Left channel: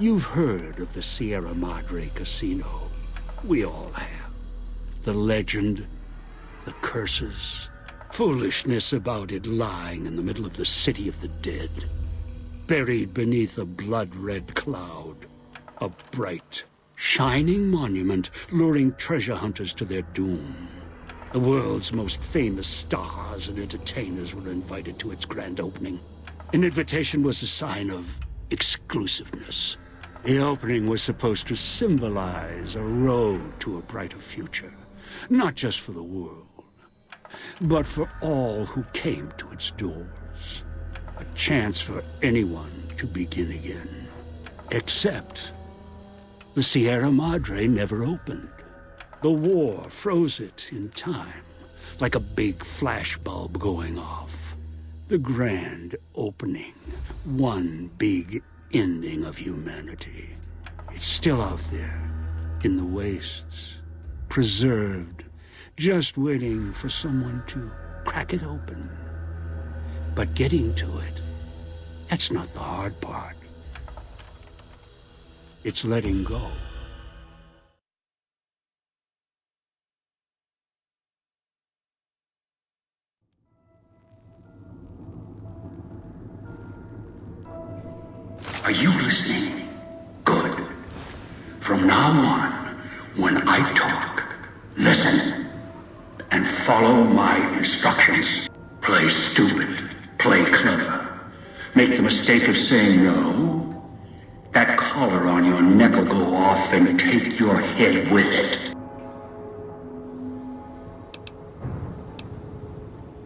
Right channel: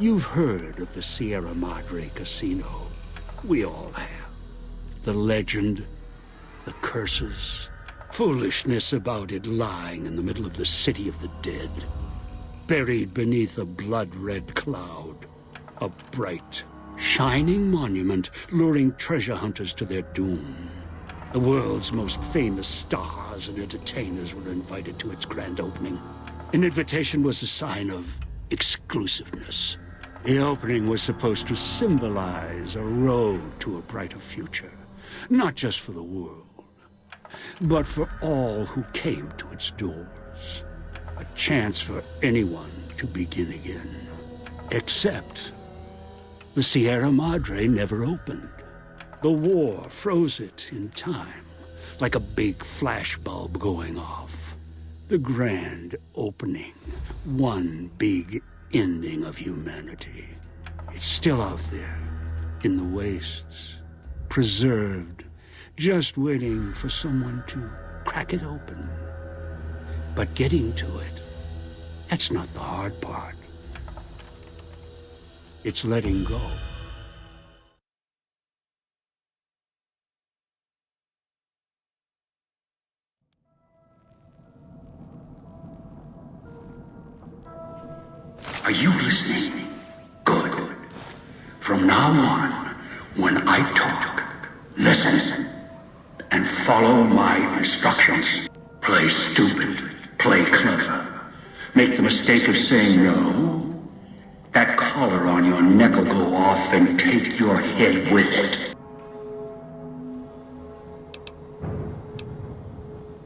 You've heard of the Sierra Madre Casino. We all have. The legend, the curses, foolishness about it lying in the middle of the city of the dead. Buried beneath a blood-red cloud. A bright, shining monument luring treasure hunters to their doom. The world's most famous stars and entertainers were invited to its grand opening. An invitation was a sign of exclusiveness. The opening was supposed to symbolize a road to a brighter future. Not just for the world, but for all who came to its doors. A chance for anyone to begin again. Except the Sierra Madre never opened. The war froze it in time, like a big flashbulb going off. The grand opening, one big ending of humanity. It's still out there, in the wastes, preserved, just waiting for someone to crack it open. But getting to it, that's not the hard part. It's letting go. Are you listening? Good. From now on, when I talk, listen and follow my instructions. Play stupid, play clever. Make the mistake of saying no. That collar on your neck will go off and take your head with it.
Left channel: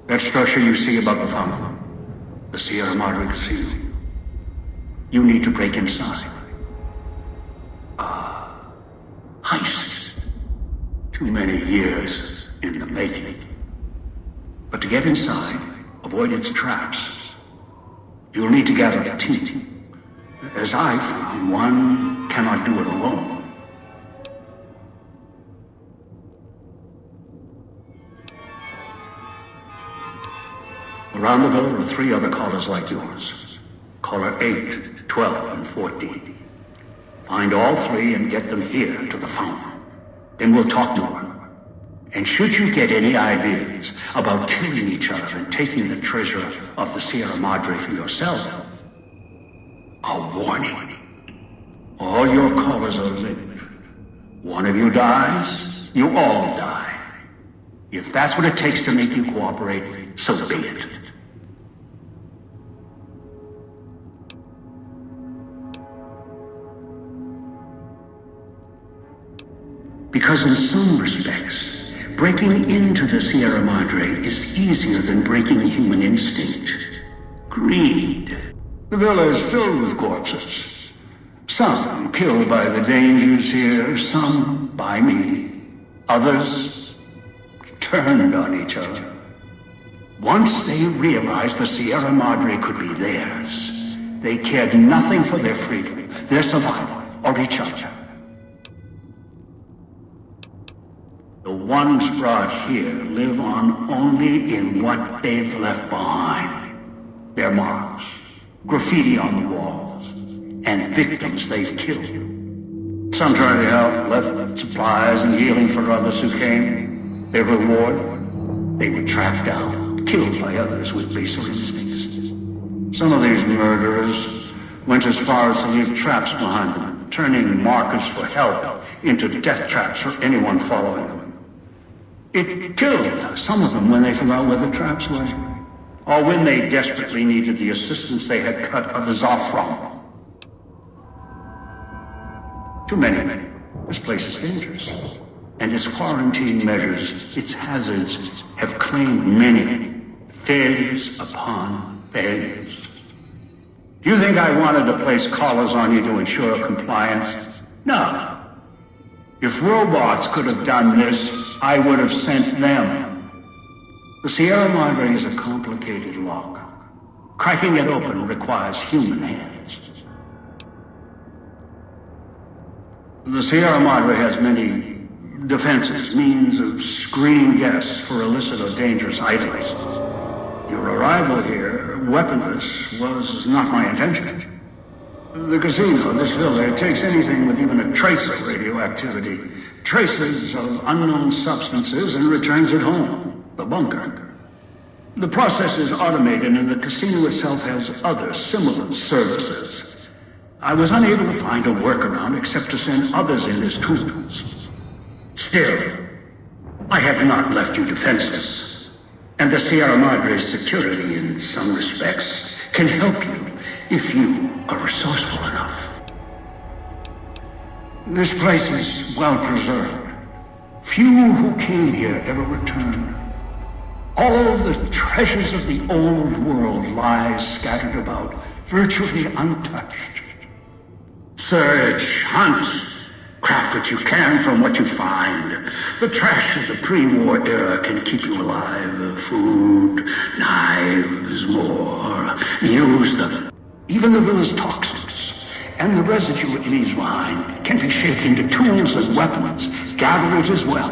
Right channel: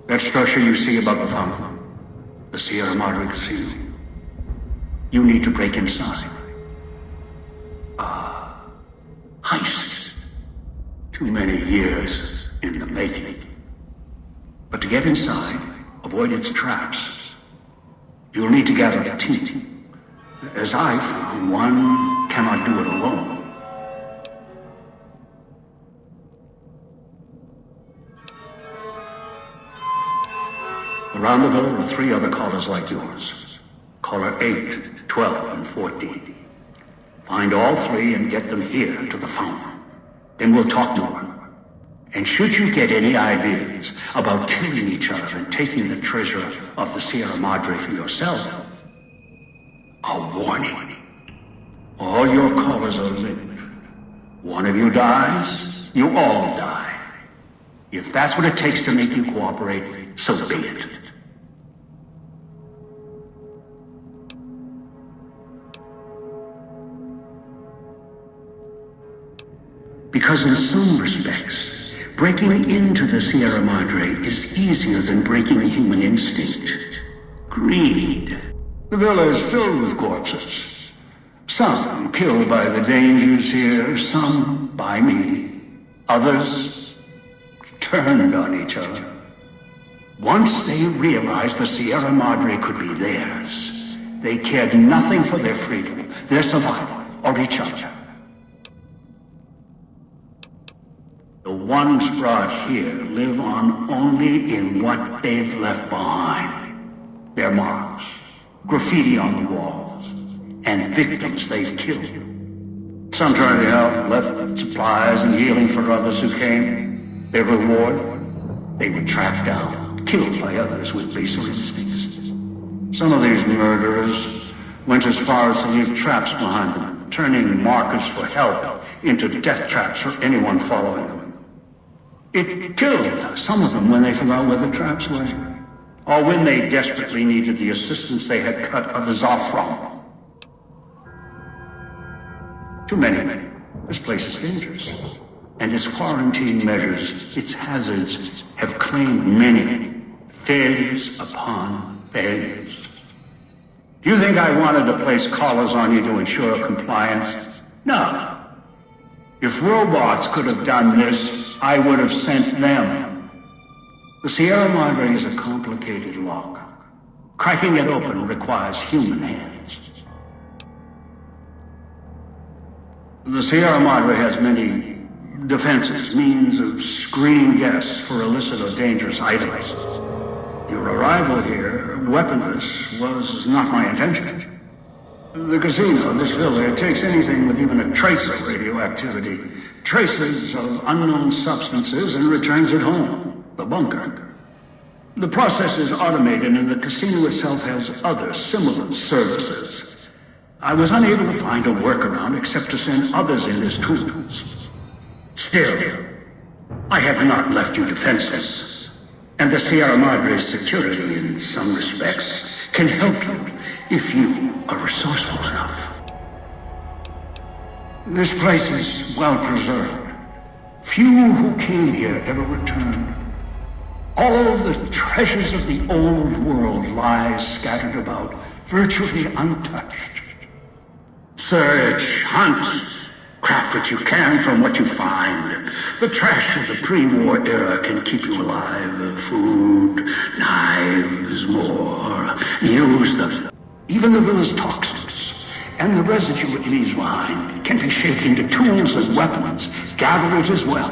That structure you see above the fountain, the Sierra Madre Casino. You need to break inside. Heist. Too many years in the making. But to get inside, avoid its traps, you'll need to gather a team. As I found, one cannot do it alone. Around the villa are 3 other callers like yours. Caller 8, 12, and 14. Find all 3 and get them here to the fountain. Then we'll talk more. And should you get any ideas about killing each other and taking the treasure of the Sierra Madre for yourself, a warning. All your callers are linked. One of you dies, you all die. If that's what it takes to make you cooperate, so be it. Because in some respects, breaking into the Sierra Madre is easier than breaking human instinct. Greed. The villa is filled with corpses. Some killed by the dangers here, some by me. Others turned on each other. Once they realized the Sierra Madre could be theirs, they cared nothing for their freedom, their survival, or each other. The ones brought here live on only in what they've left behind. Their marks, graffiti on the walls, and victims they've killed. Some tried to help, left supplies and healing for others who came. Their reward? They were tracked down, killed by others with baser instincts. Some of these murderers went as far as to leave traps behind them, turning markers for help into death traps for anyone following them. It killed some of them when they forgot where the traps were, or when they desperately needed the assistance they had cut others off from. Too many. This place is dangerous, and its quarantine measures, its hazards, have claimed many failures upon failures. Do you think I wanted to place collars on you to ensure compliance? No. If robots could have done this, I would have sent them. The Sierra Madre is a complicated lock. Cracking it open requires human hands. The Sierra Madre has many defenses, means of screening guests for illicit or dangerous items. Your arrival here, weaponless, was not my intention. The casino, this villa, it takes anything with even a trace of radioactivity, traces of unknown substances, and returns it home, the bunker. The process is automated, and the casino itself has other similar services. I was unable to find a workaround except to send others in as tools. Still, I have not left you defenseless, and the Sierra Madre's security, in some respects, can help you if you are resourceful enough. This place is well preserved. Few who came here ever returned. All the treasures of the old world lie scattered about, virtually untouched. Search, hunt, craft what you can from what you find. The trash of the pre-war era can keep you alive. Food, knives, more. Use them. Even the villa's toxins and the residue it leaves behind can be shaped into tools and weapons. Gather it as well.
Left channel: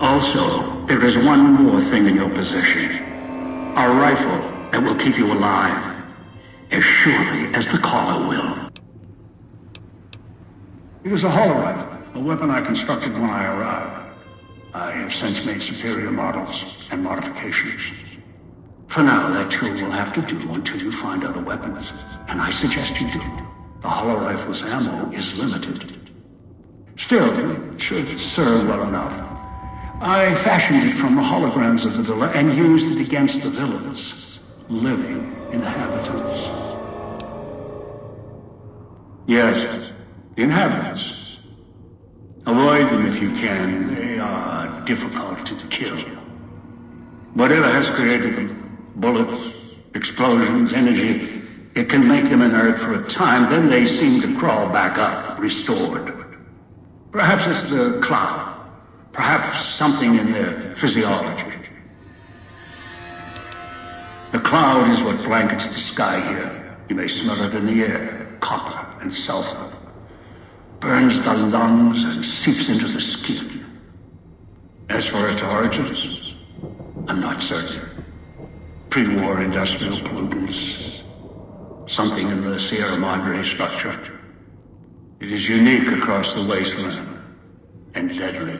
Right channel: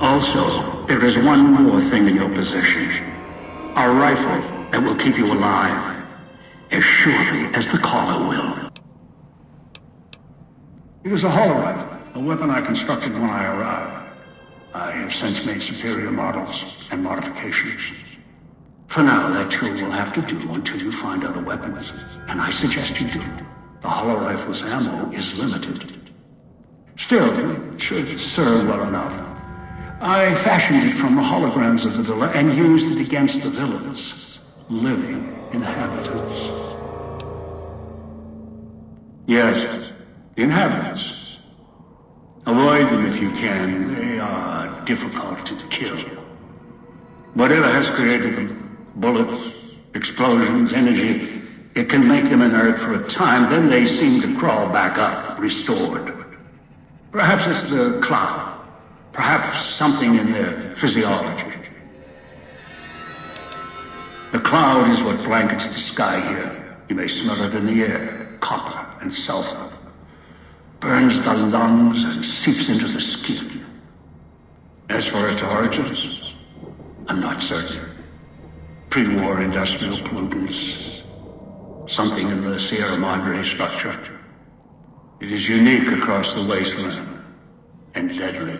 Also, there is one more thing in your possession. A rifle that will keep you alive, as surely as the caller will. It is a holorifle, a weapon I constructed when I arrived. I have since made superior models and modifications. For now, that tool will have to do until you find other weapons, and I suggest you do. The holorifle's ammo is limited. Still, it should serve well enough. I fashioned it from the holograms of the villa and used it against the villa's living inhabitants. Yes, the inhabitants. Avoid them if you can. They are difficult to kill. Whatever has created them, bullets, explosions, energy, it can make them inert for a time, then they seem to crawl back up, restored. Perhaps it's the cloud. Perhaps something in their physiology. The cloud is what blankets the sky here. You may smell it in the air, copper and sulfur. Burns the lungs and seeps into the skin. As for its origins, I'm not certain. Pre-war industrial pollutants. Something in the Sierra Madre structure. It is unique across the wasteland and deadly.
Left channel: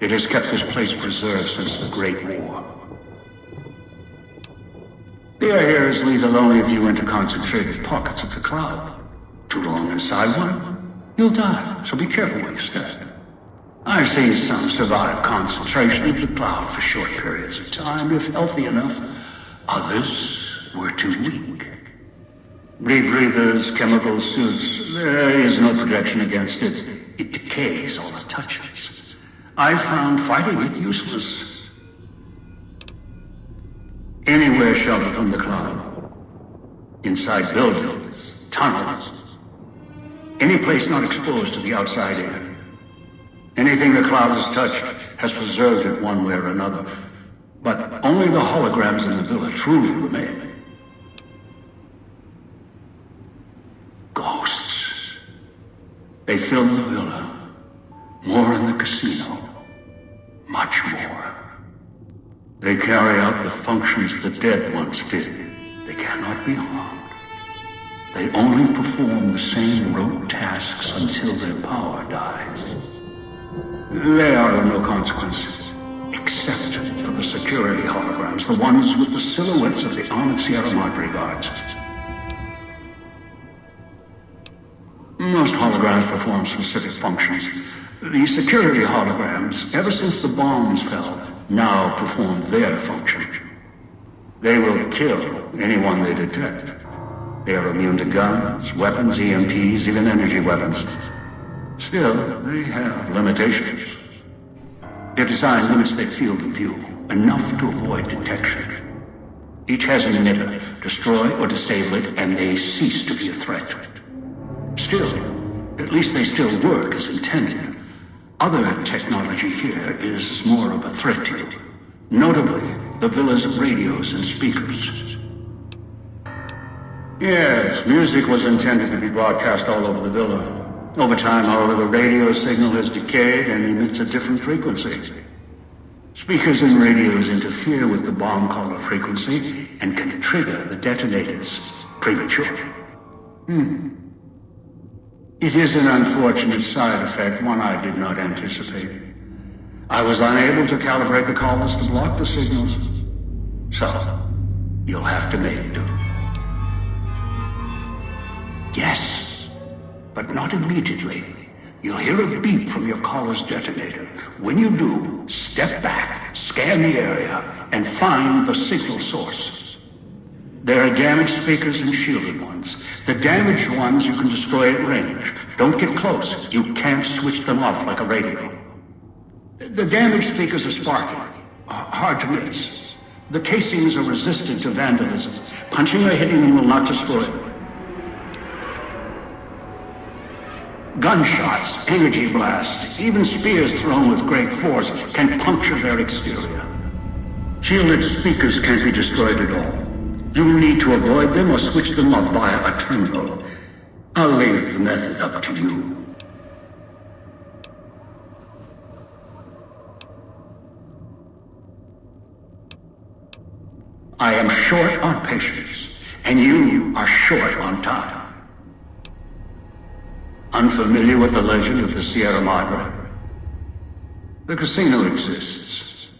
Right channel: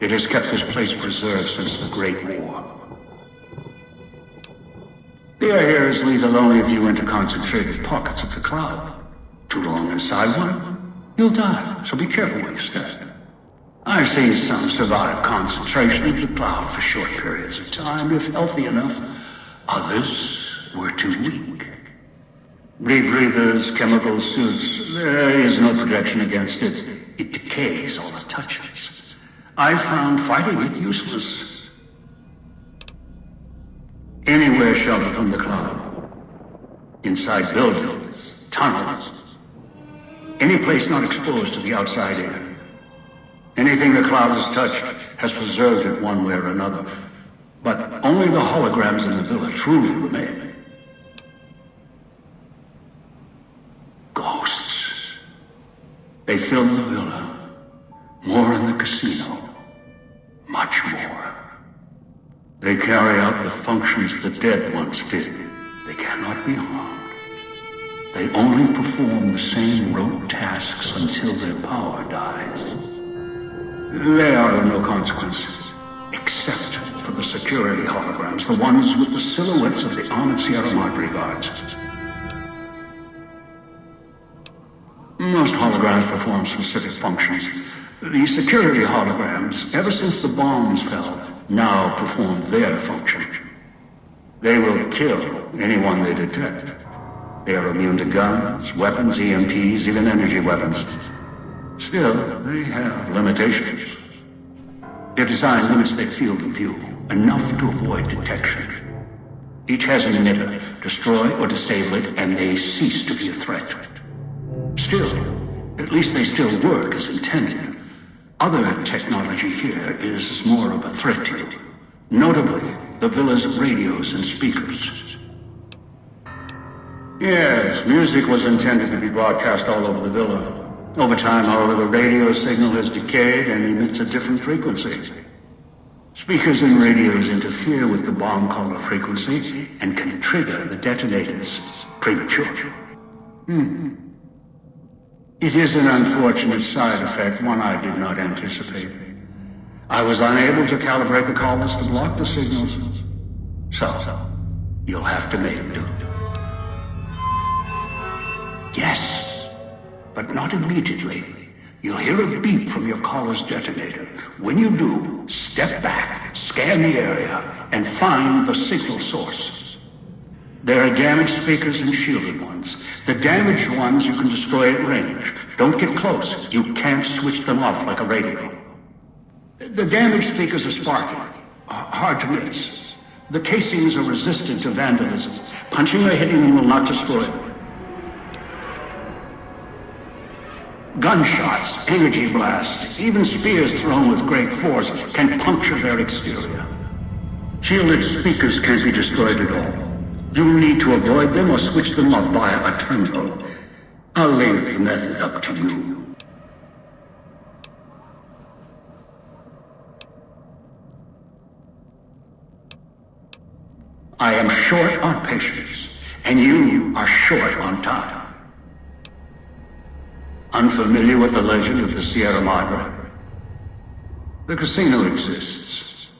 It has kept this place preserved since the Great War. The air here is lethal only if you enter concentrated pockets of the cloud. Too long inside one, you'll die, so be careful where you step. I've seen some survive concentration of the cloud for short periods of time, if healthy enough. Others were too weak. Rebreathers, chemical suits, there is no protection against it. It decays all it touches. I found fighting it useless. Anywhere sheltered from the cloud. Inside buildings, tunnels. Any place not exposed to the outside air. Anything the cloud has touched has preserved it one way or another. But only the holograms in the villa truly remain. Ghosts. They fill the villa. More in the casino. Much more. They carry out the functions the dead once did. They cannot be harmed. They only perform the same rote tasks until their power dies. They are of no consequence, except for the security holograms, the ones with the silhouettes of the armored Sierra Madre guards. Most holograms perform specific functions. The security holograms, ever since the bombs fell, now perform their function. They will kill anyone they detect. They are immune to guns, weapons, EMPs, even energy weapons. Still, they have limitations. Their design limits their field of view, enough to avoid detection. Each has an emitter, destroy or disable it, and they cease to be a threat. Still, at least they still work as intended. Other technology here is more of a threat to you. Notably, the villa's radios and speakers. Yes, music was intended to be broadcast all over the villa. Over time, however, the radio signal has decayed and emits a different frequency. Speakers and radios interfere with the bomb caller frequency and can trigger the detonators prematurely. It is an unfortunate side effect, one I did not anticipate. I was unable to calibrate the collars to block the signals. So, you'll have to make do. Yes, but not immediately. You'll hear a beep from your collar's detonator. When you do, step back, scan the area, and find the signal source. There are damaged speakers and shielded ones. The damaged ones you can destroy at range. Don't get close. You can't switch them off like a radio. The damaged speakers are sparking. Hard to miss. The casings are resistant to vandalism. Punching or hitting them will not destroy them. Gunshots, energy blasts, even spears thrown with great force can puncture their exterior. Shielded speakers can't be destroyed at all. You'll need to avoid them or switch them off via a terminal. I'll leave the method up to you. I am short on patience, and you are short on time. Unfamiliar with the legend of the Sierra Madre? The casino exists.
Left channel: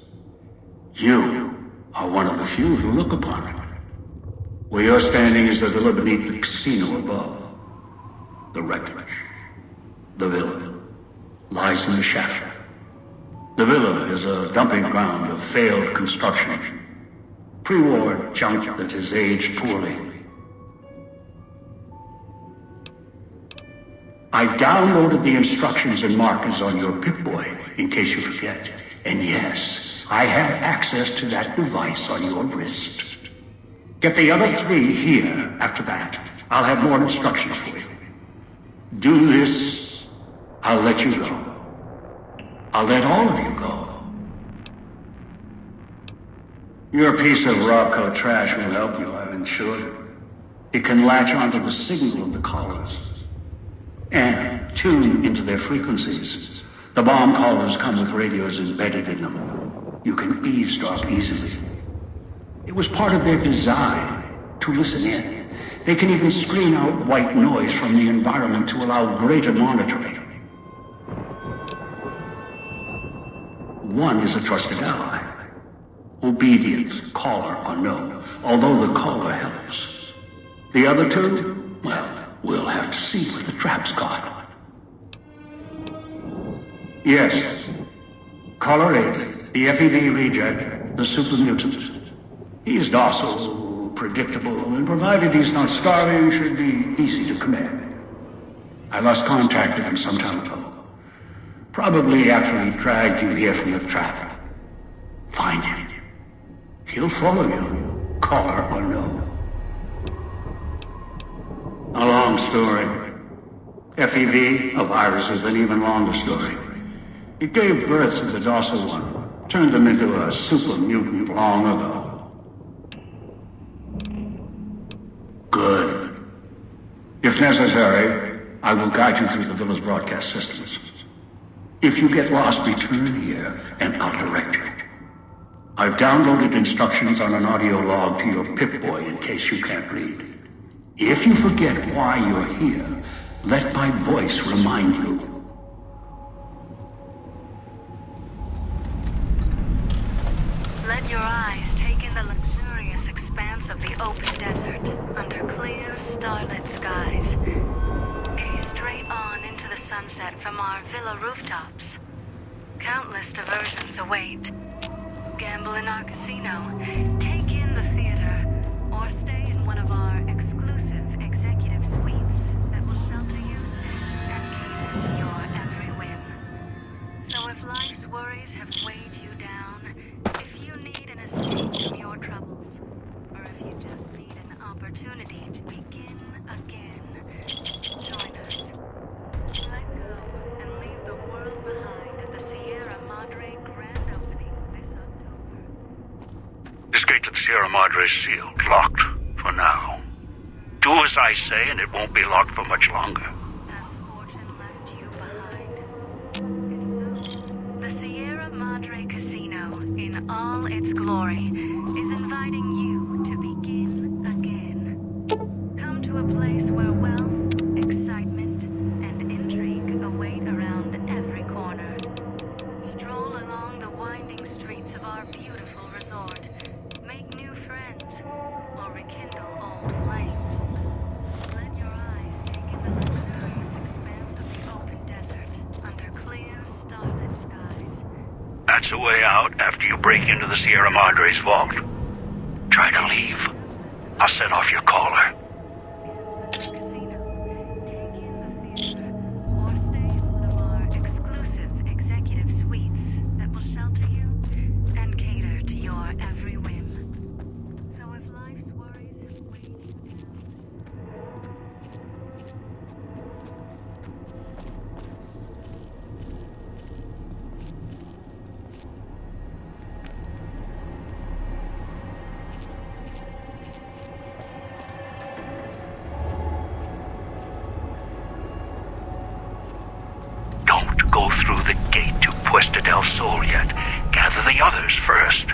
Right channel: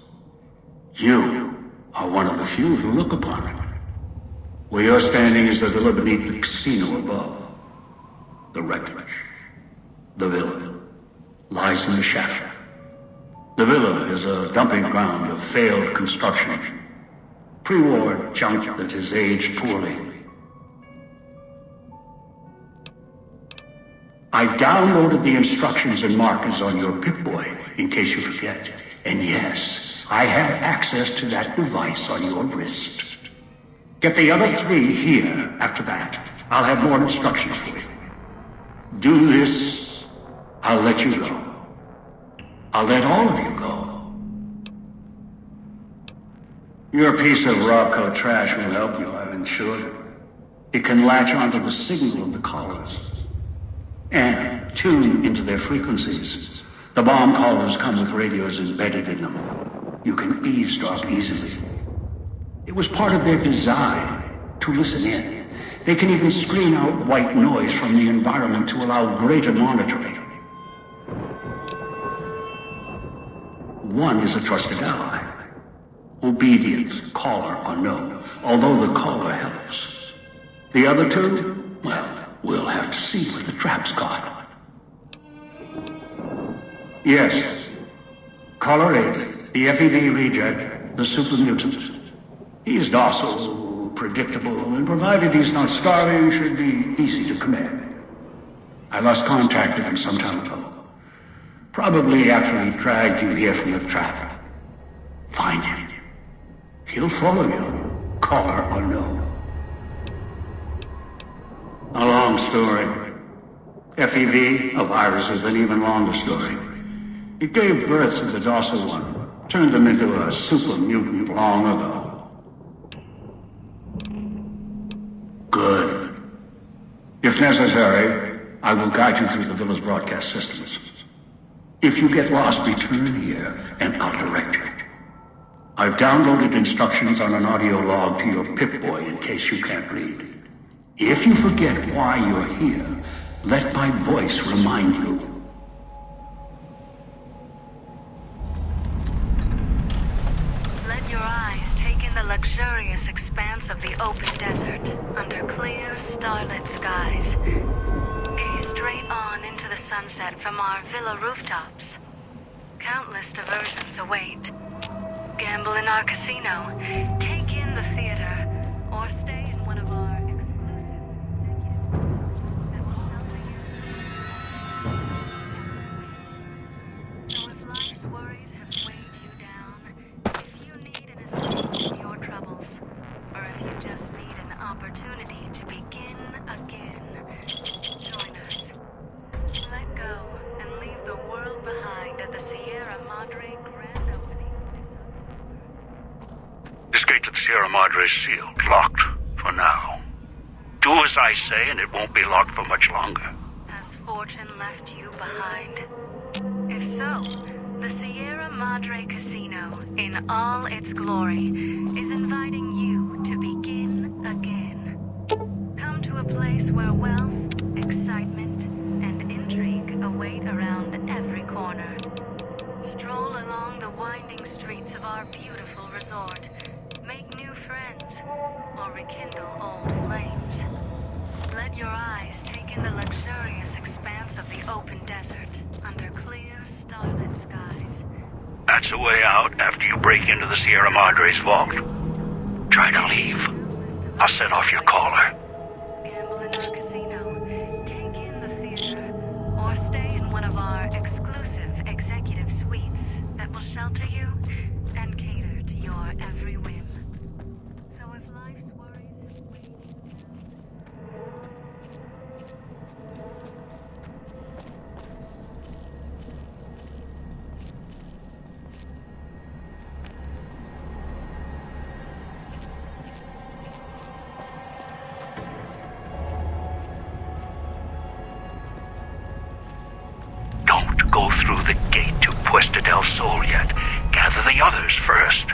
You are one of the few who look upon it. Where you're standing is the villa beneath the casino above. The wreckage. The villa lies in the shadow. The villa is a dumping ground of failed construction. Pre-war junk that has aged poorly. I've downloaded the instructions and markers on your Pip-Boy, in case you forget. And yes, I have access to that device on your wrist. Get the other three here after that. I'll have more instructions for you. Do this, I'll let you go. I'll let all of you go. Your piece of Robco trash will help you, I've insured it. It can latch onto the signal of the collars and tune into their frequencies. The bomb collars come with radios embedded in them. You can eavesdrop easily. It was part of their design to listen in. They can even screen out white noise from the environment to allow greater monitoring. One is a trusted ally. Obedient, caller or no, although the caller helps. The other two, well, we'll have to see what the trap's got. Yes. Caller 8, the FEV reject, the super mutant. He's docile, predictable, and provided he's not starving, should be easy to command. I lost contact with him some time ago. Probably after he dragged you here from the trap. Find him. He'll follow you, caller or no. A long story. FEV, a virus, is an even longer story. It gave birth to the docile one, turned them into a super mutant long ago. Good. If necessary, I will guide you through the villa's broadcast systems. If you get lost, return here, and I'll direct you. I've downloaded instructions on an audio log to your Pip-Boy in case you can't read. If you forget why you're here, let my voice remind you. Let your eyes take in the luxurious expanse of the open desert under clear, starlit skies. Gaze straight on into the sunset from our villa rooftops. Countless diversions await. Gamble in our casino, take in the theater, or stay in one of our exclusive executive suites that will shelter you and cater to your every whim. So if life's worries have weighed you down, if you need an escape from your troubles, or if you just need an opportunity to begin again, join us. Let go and leave the world behind at the Sierra Madre grand opening this October. This gate to the Sierra Madre is sealed, locked, for now. Do as I say, and it won't be locked for much longer. Has fortune left you behind? If so, the Sierra Madre Casino, in all its glory, is inviting you to begin again. Come to to a place where wealth, excitement, and intrigue await around every corner. Stroll along the winding streets of our beautiful resort. Make new friends, or rekindle old flames. Let your eyes take in the luxurious expanse of the open desert under clear, starlit skies. That's the way out after you break into the Sierra Madre's vault. Try to leave. I'll set off your caller. Gamble in our casino, take in the theater, or stay in one of our exclusive executive suites that will shelter you and cater to your every whim. So if life's worries have weighed you down... Don't go through the gate to Puesta del Sol yet. Gather the others first.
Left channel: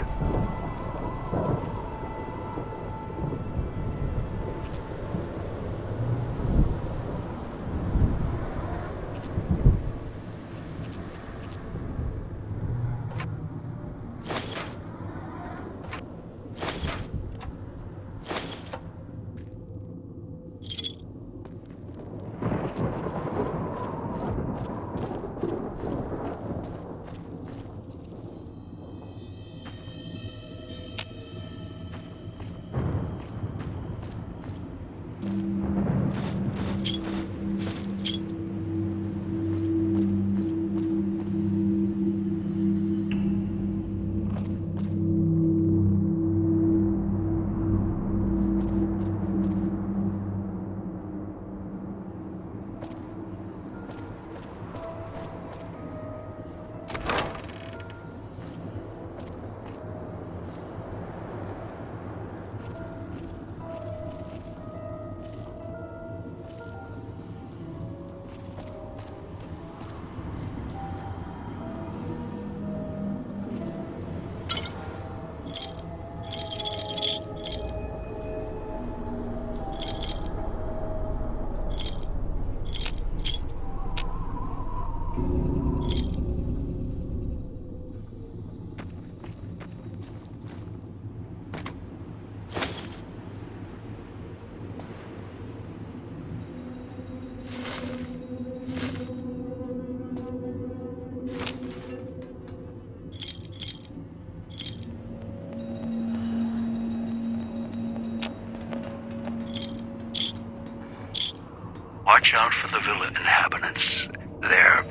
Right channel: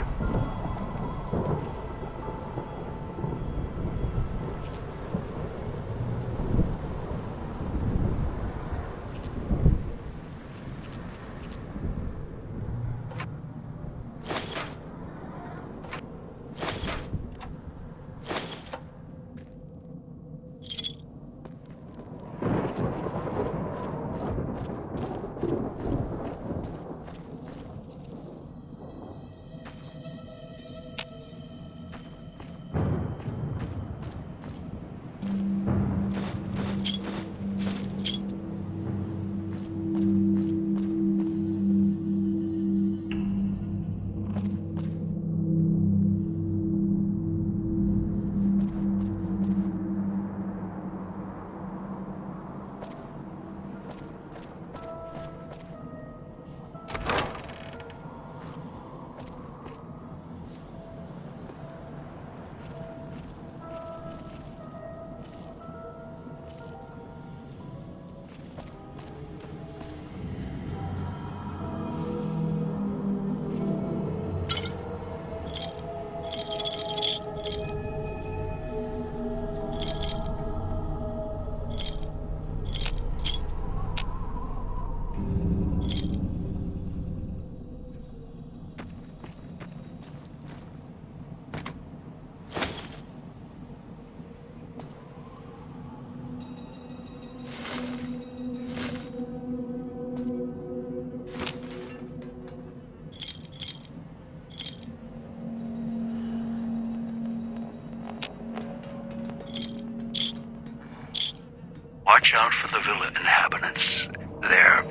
Watch out for the villa inhabitants. They're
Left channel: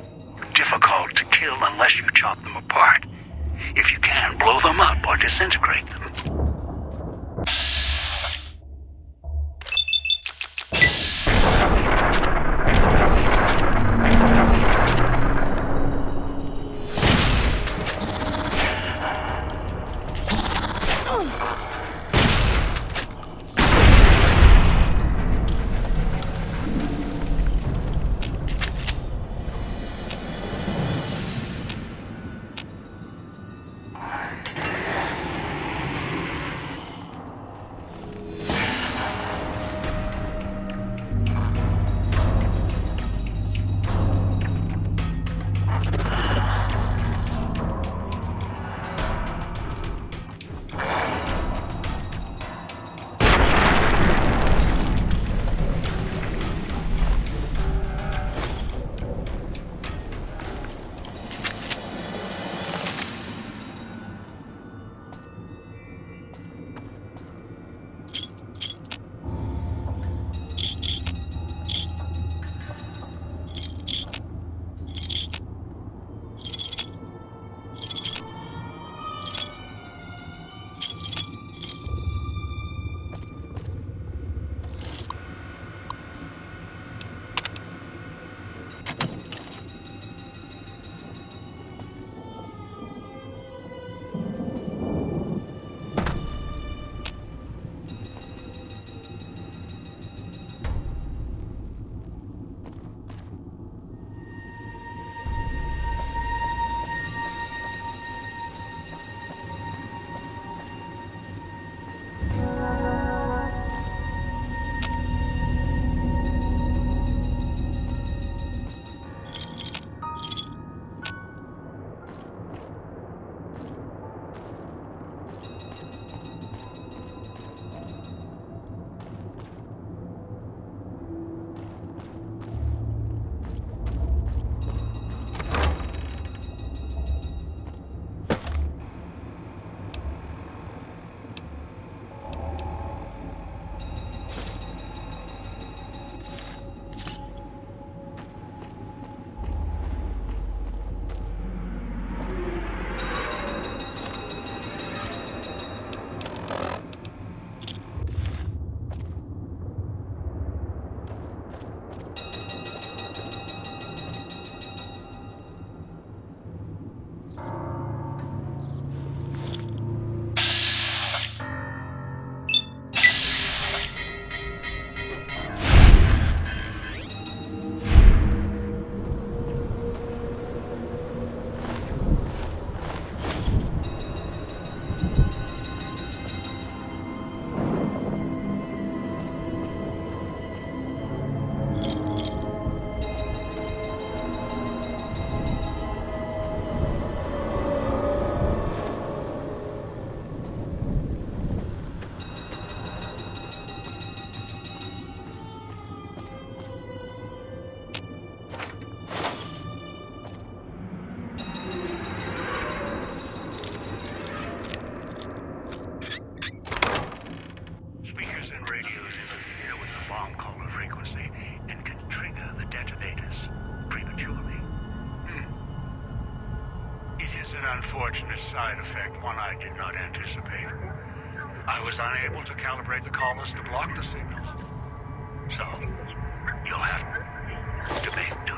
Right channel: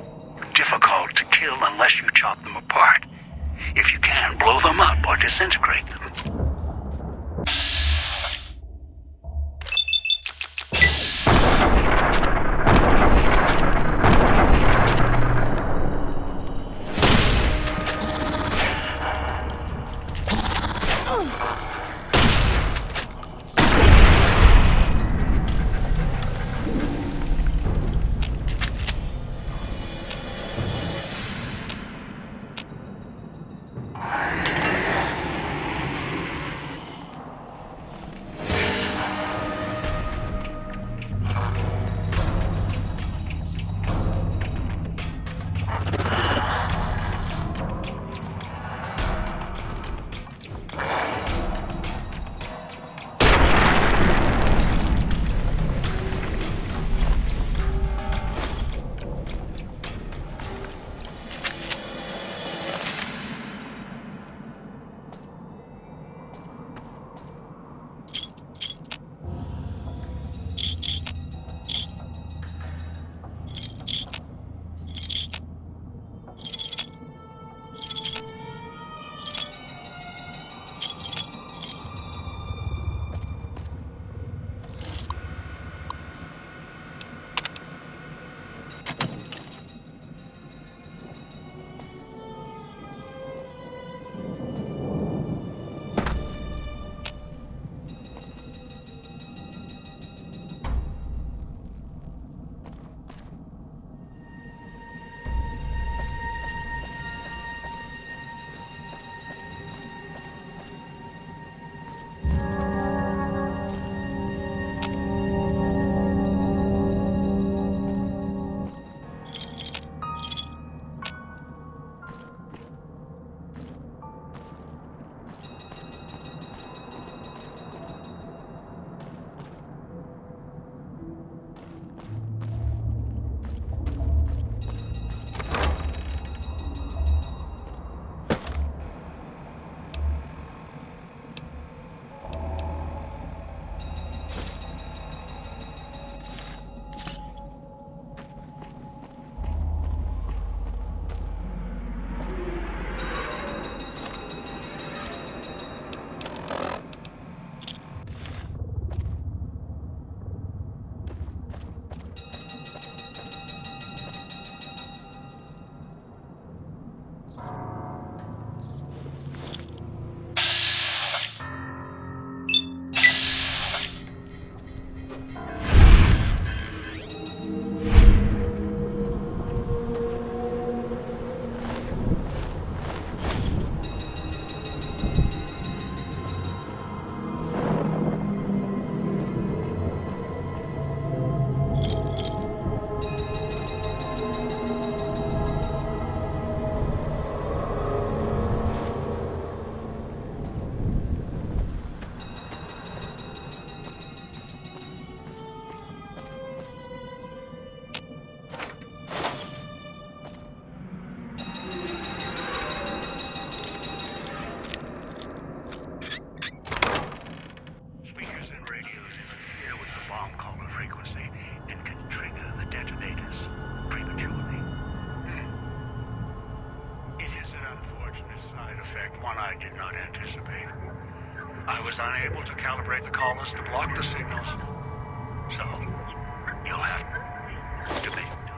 difficult to kill unless you chop them apart. If you can, blow them up or disintegrate them. effect, one I did not anticipate. I was unable to calibrate the collars to block the signals. So, you'll have to make do.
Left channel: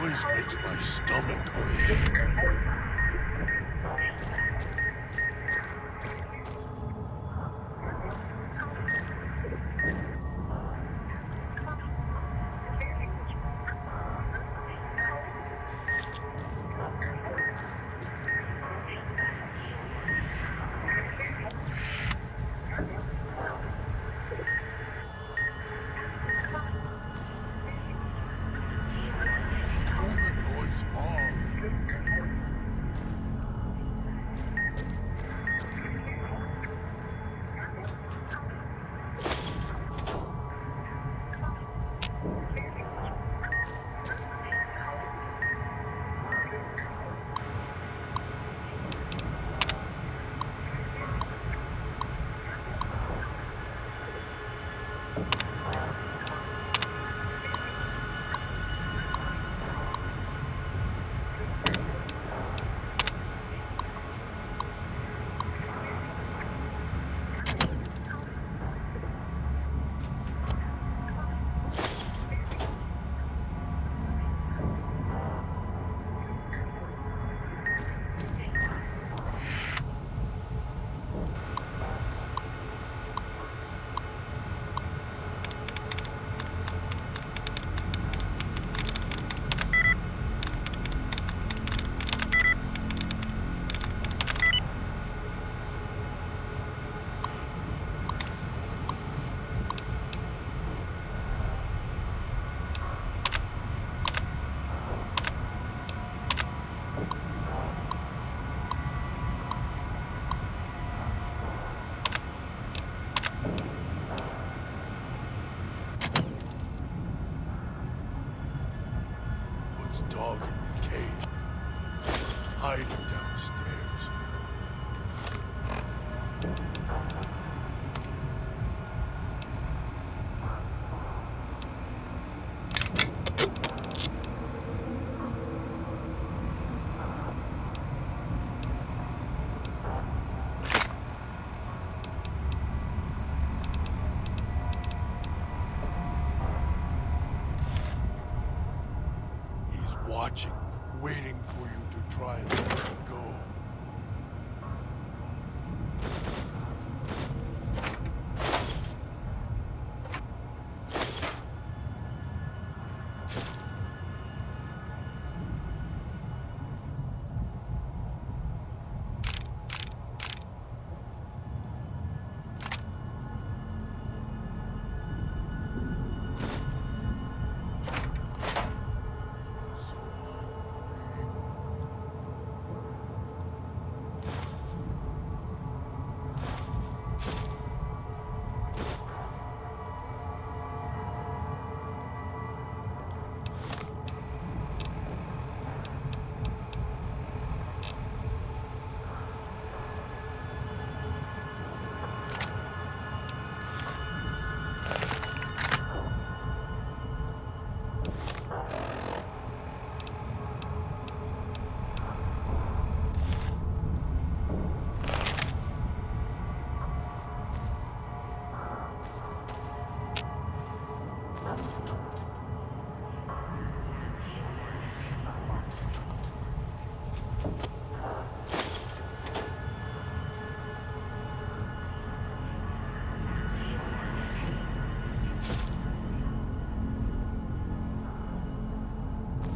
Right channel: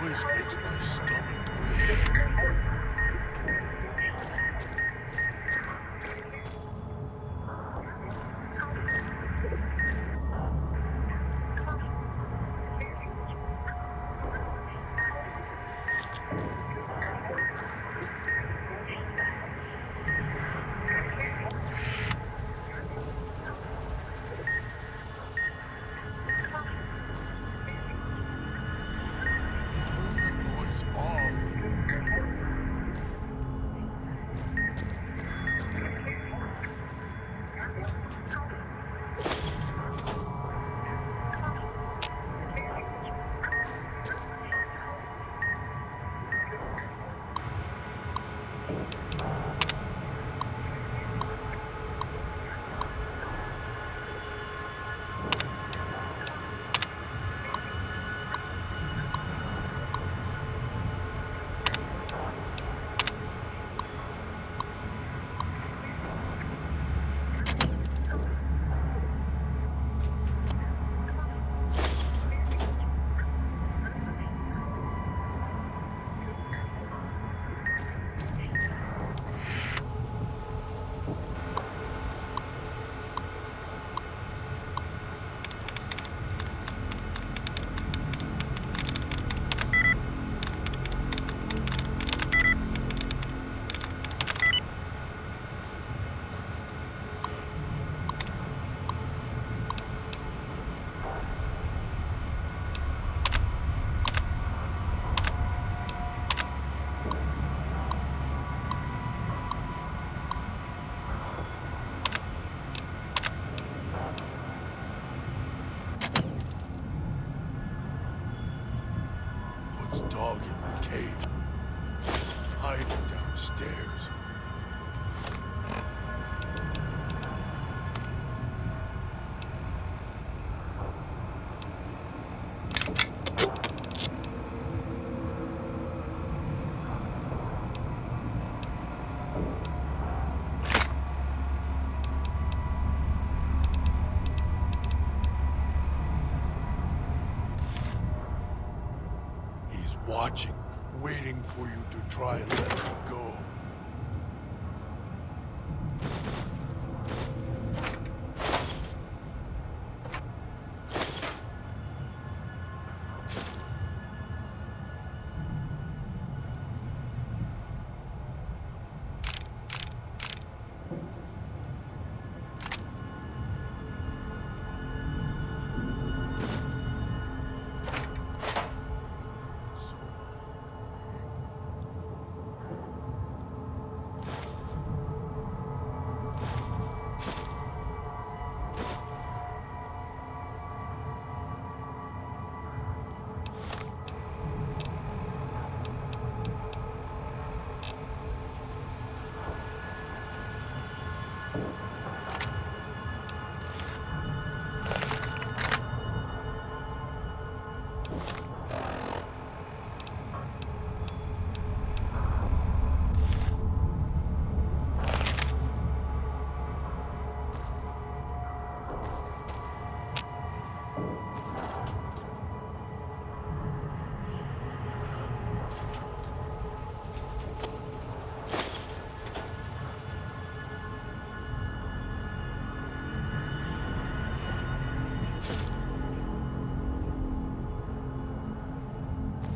Noise makes my stomach hurt. Turn the noise off. Woods' dog in the cage, hiding downstairs. He's watching, waiting for you to try and let him go. So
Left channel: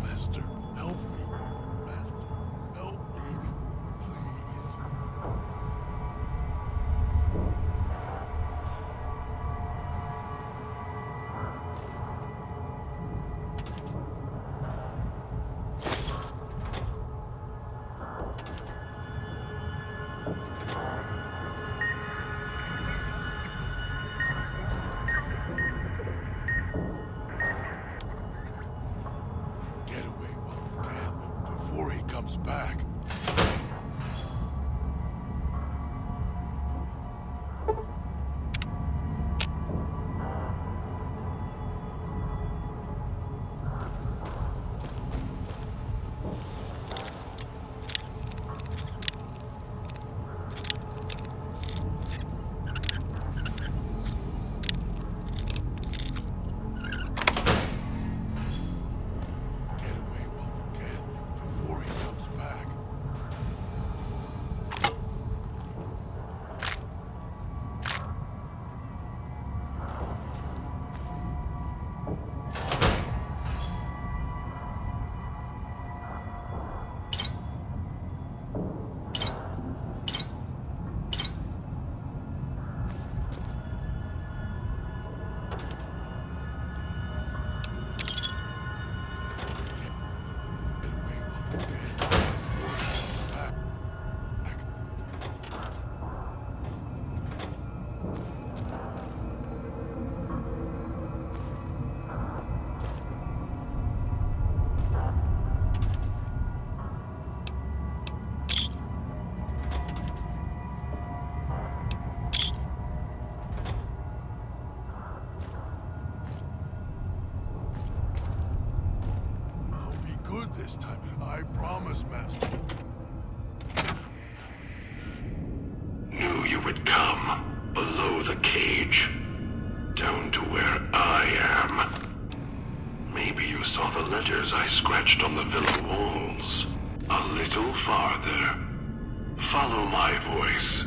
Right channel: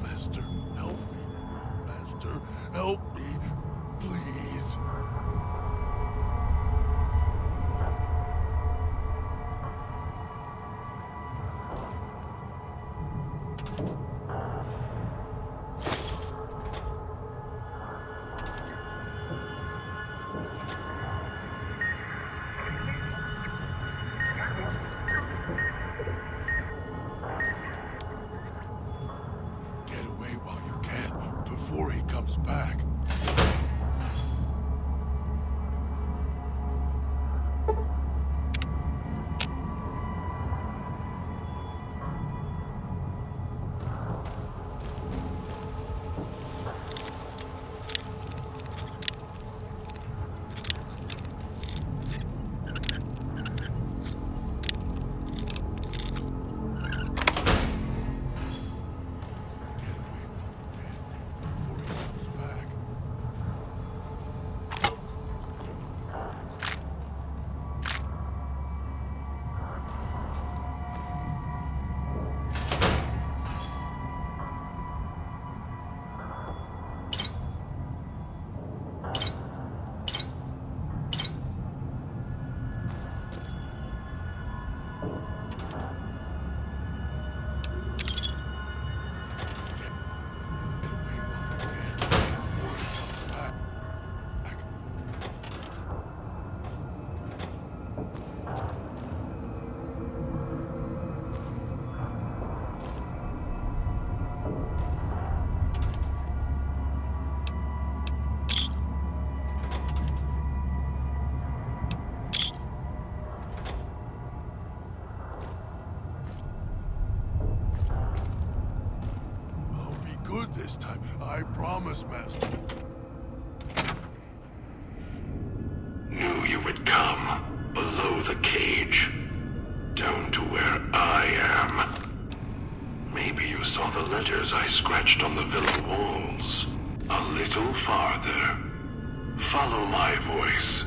Master, help me. Master, help me. Please. Get away while you can, before he comes back. good this time. I promise, Master. Knew you would come. Below the cage. Down to where I am. Maybe you saw the letters I scratched on the villa walls. A little farther. Follow my voice.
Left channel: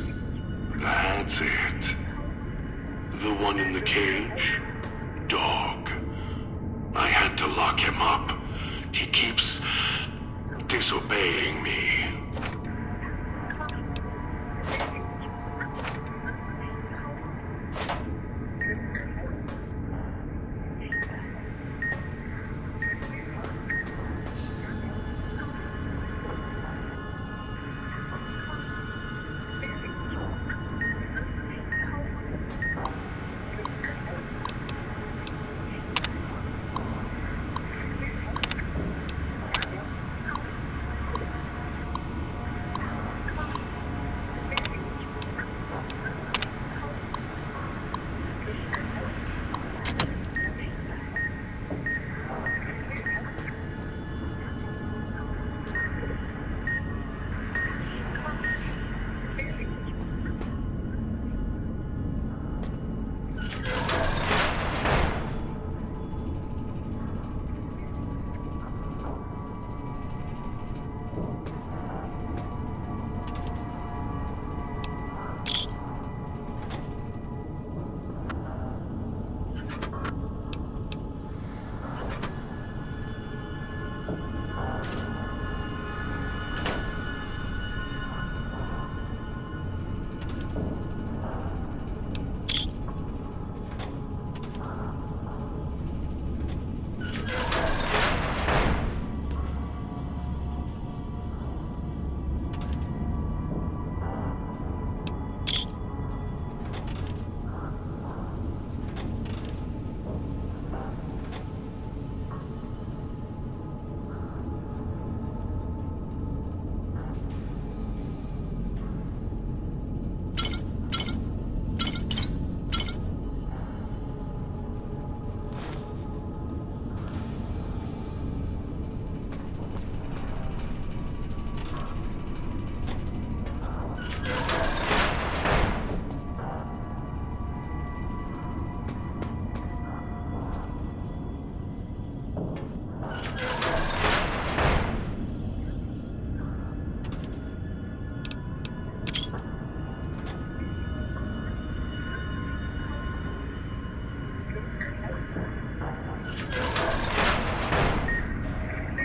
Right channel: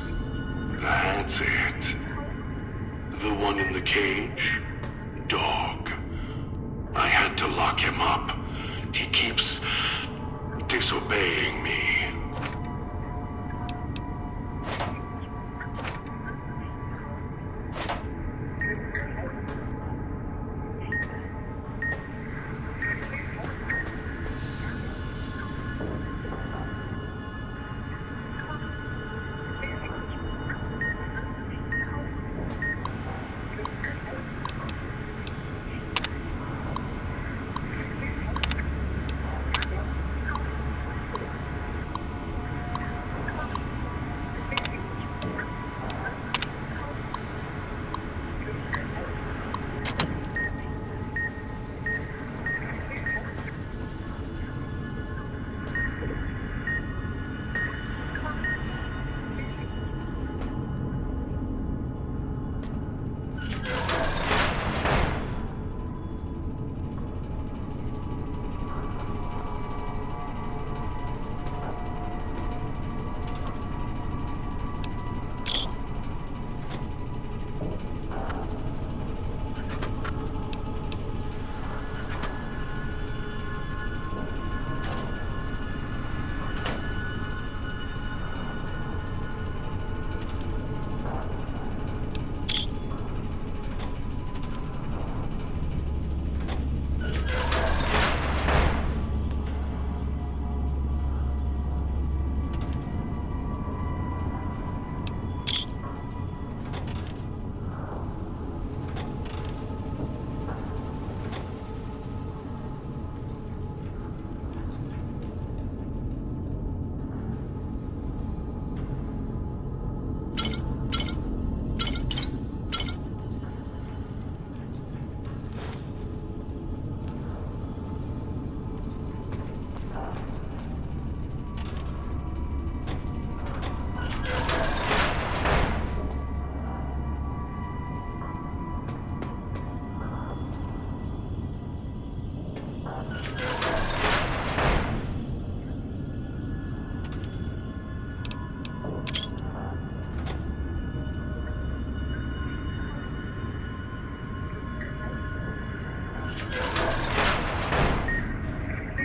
That's it. The one in the cage? Dog. I had to lock him up. He keeps disobeying me.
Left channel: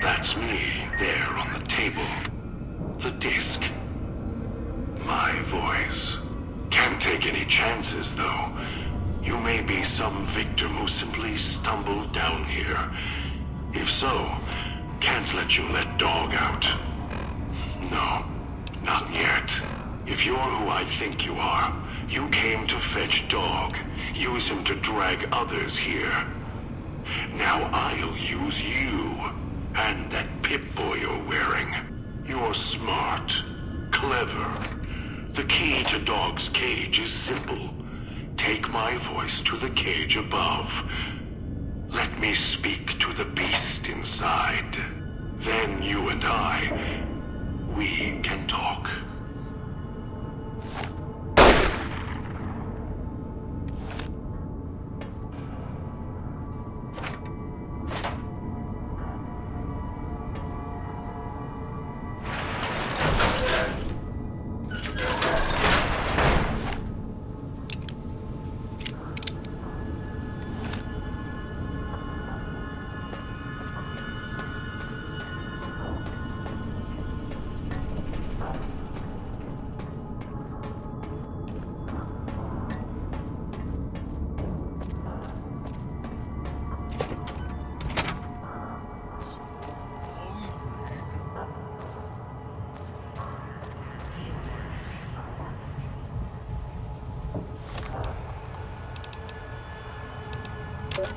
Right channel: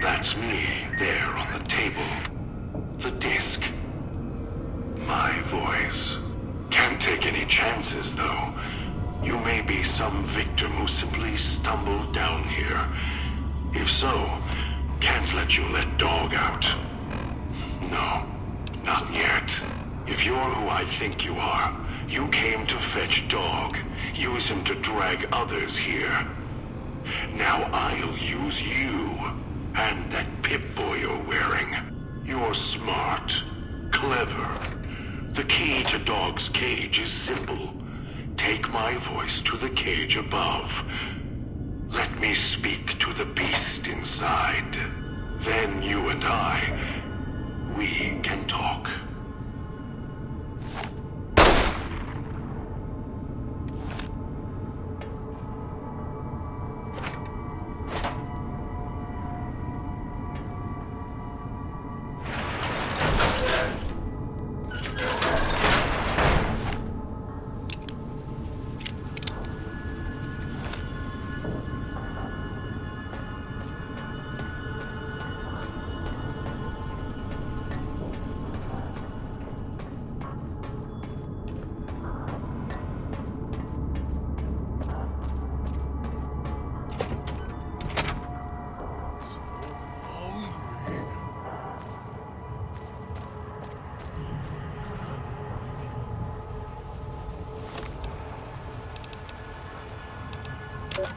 That's me, there on the table. The disc. My voice. Can't take any chances, though. You may be some victim who simply stumbled down here. If so, can't let you let Dog out. No, not yet. If you're who I think you are, you came to fetch Dog. Use him to drag others here. Now I'll use you. And that Pip-Boy you're wearing. You're smart. Clever. The key to Dog's cage is simple. Take my voice to the cage above. Let me speak to the beast inside. Then you and we can talk.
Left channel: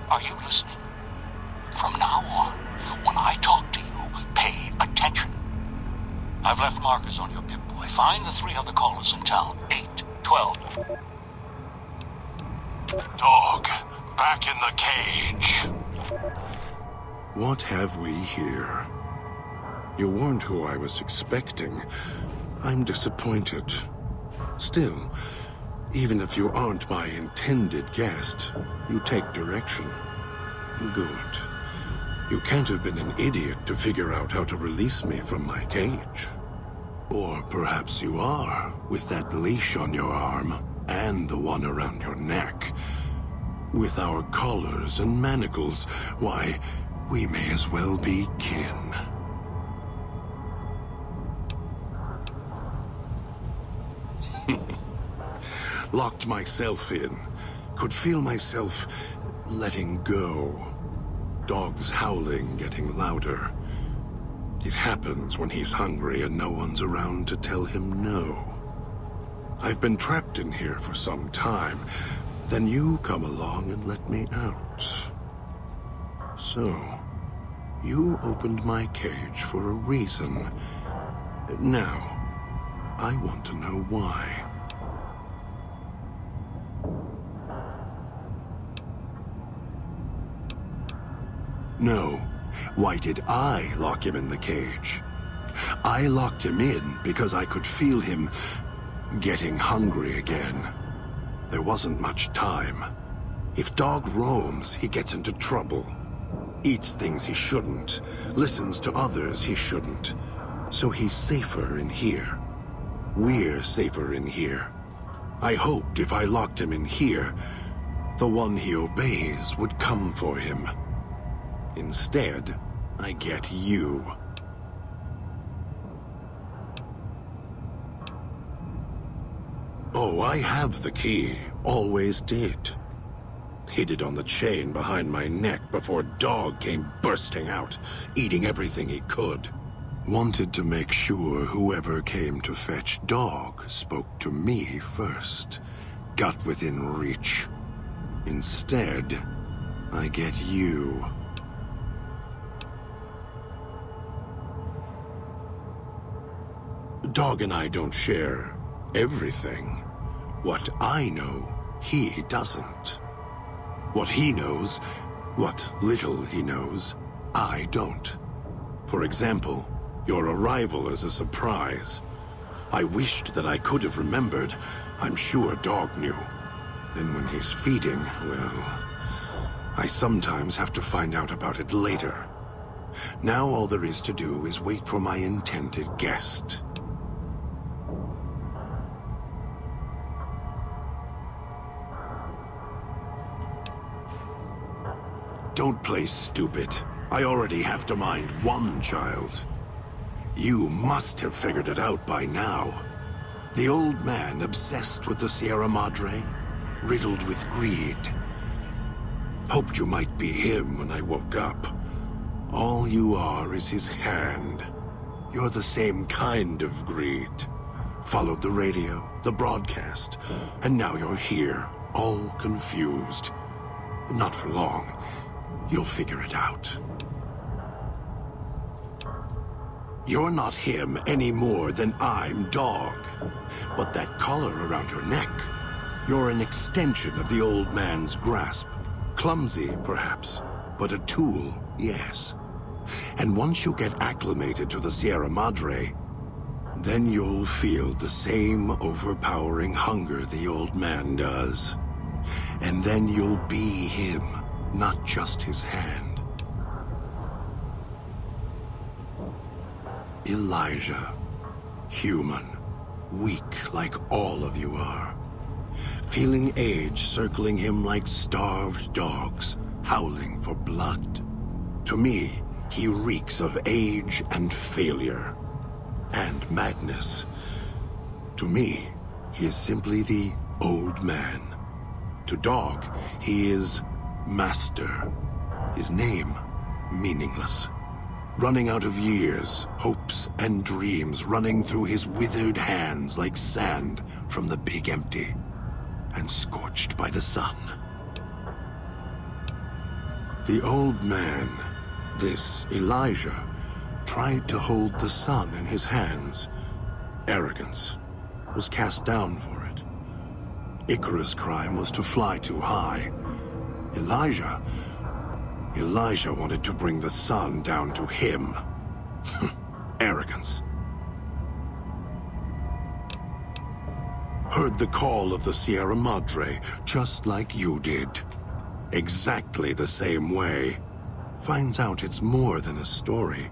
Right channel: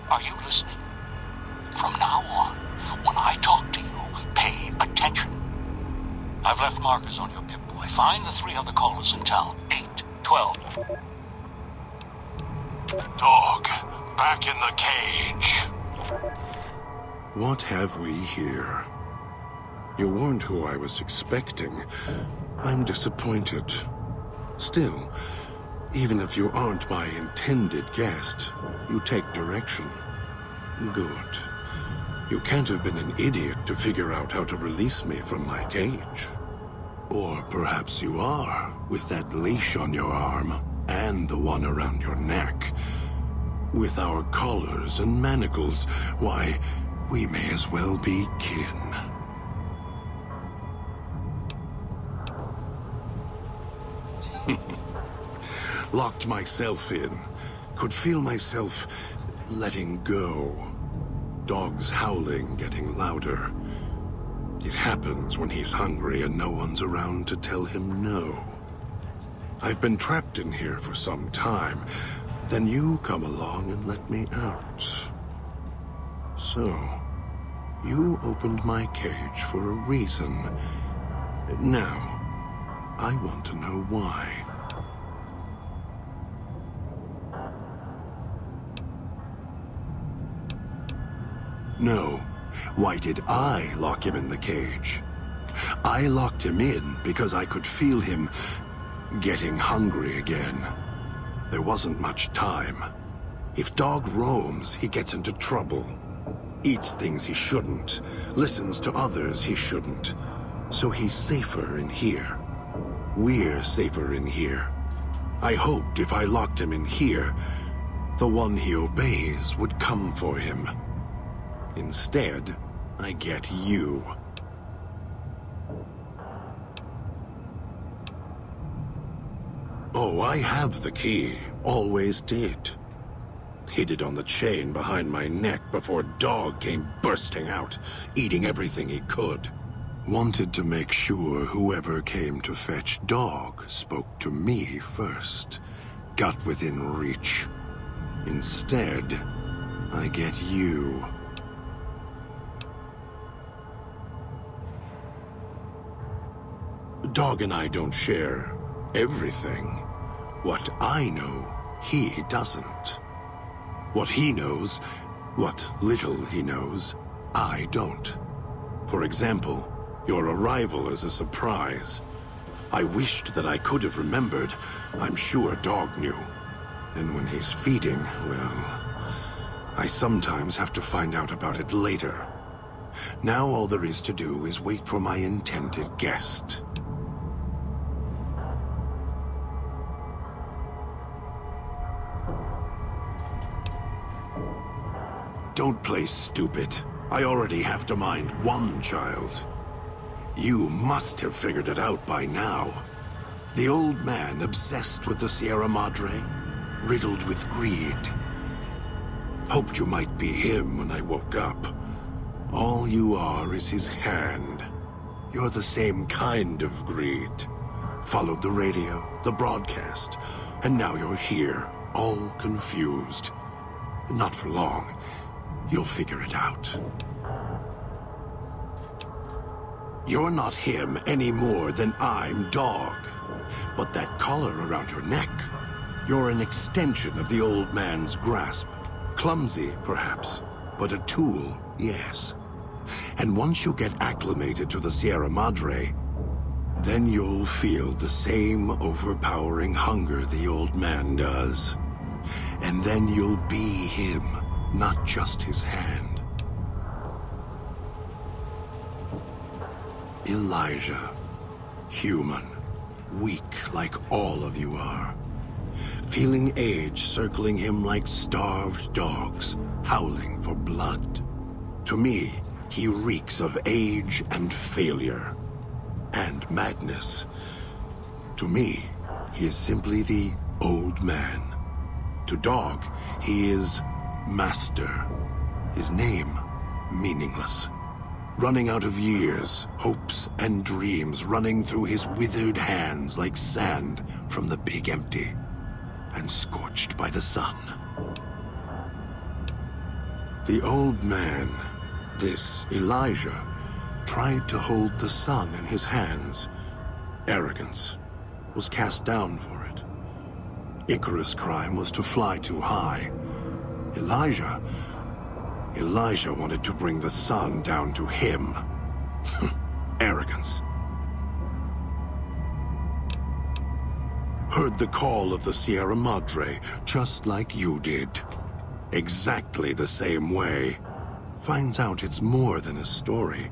Are you listening? From now on, when I talk to you, pay attention. I've left markers on your Pip-Boy. Find the 3 other callers in town. 8, 12. Dog, back in the cage. What have we here? You weren't who I was expecting. I'm disappointed. Still, even if you aren't my intended guest, you take direction. Good. You can't have been an idiot to figure out how to release me from my cage. Or perhaps you are, with that leash on your arm, and the one around your neck. With our collars and manacles, why, we may as well be kin. Locked myself in. Could feel myself letting go. Dogs howling, getting louder. It happens when he's hungry and no one's around to tell him no. I've been trapped in here for some time. Then you come along and let me out. So, you opened my cage for a reason. Now, I want to know why. No. Why did I lock him in the cage? I locked him in because I could feel him getting hungry again. There wasn't much time. If Dog roams, he gets into trouble. Eats things he shouldn't. Listens to others he shouldn't. So he's safer in here. We're safer in here. I hoped if I locked him in here, the one he obeys would come for him. Instead, I get you. Oh, I have the key. Always did. Hid it on the chain behind my neck before Dog came bursting out, eating everything he could. Wanted to make sure whoever came to fetch Dog spoke to me first. Got within reach. Instead, I get you. Dog and I don't share everything. What I know, he doesn't. What he knows, what little he knows, I don't. For example, your arrival is a surprise. I wished that I could have remembered. I'm sure Dog knew. And when he's feeding, well, I sometimes have to find out about it later. Now all there is to do is wait for my intended guest. Don't play stupid. I already have to mind one child. You must have figured it out by now. The old man obsessed with the Sierra Madre, riddled with greed. Hoped you might be him when I woke up. All you are is his hand. You're the same kind of greed. Followed the radio, the broadcast, and now you're here, all confused. Not for long. You'll figure it out. You're not him any more than I'm Dog. But that collar around your neck, you're an extension of the old man's grasp. Clumsy, perhaps, but a tool, yes. And once you get acclimated to the Sierra Madre, then you'll feel the same overpowering hunger the old man does. And then you'll be him. Not just his hand. Elijah. Human. Weak like all of you are. Feeling age circling him like starved dogs, howling for blood. To me, he reeks of age and failure. And madness. To me, he is simply the old man. To Dog, he is Master. His name, meaningless. Running out of years, hopes and dreams running through his withered hands like sand from the big empty, and scorched by the sun. The old man, this Elijah, tried to hold the sun in his hands. Arrogance. Was cast down for it. Icarus' crime was to fly too high. Elijah wanted to bring the sun down to him. arrogance. Heard the call of the Sierra Madre, just like you did. Exactly the same way. Finds out it's more than a story.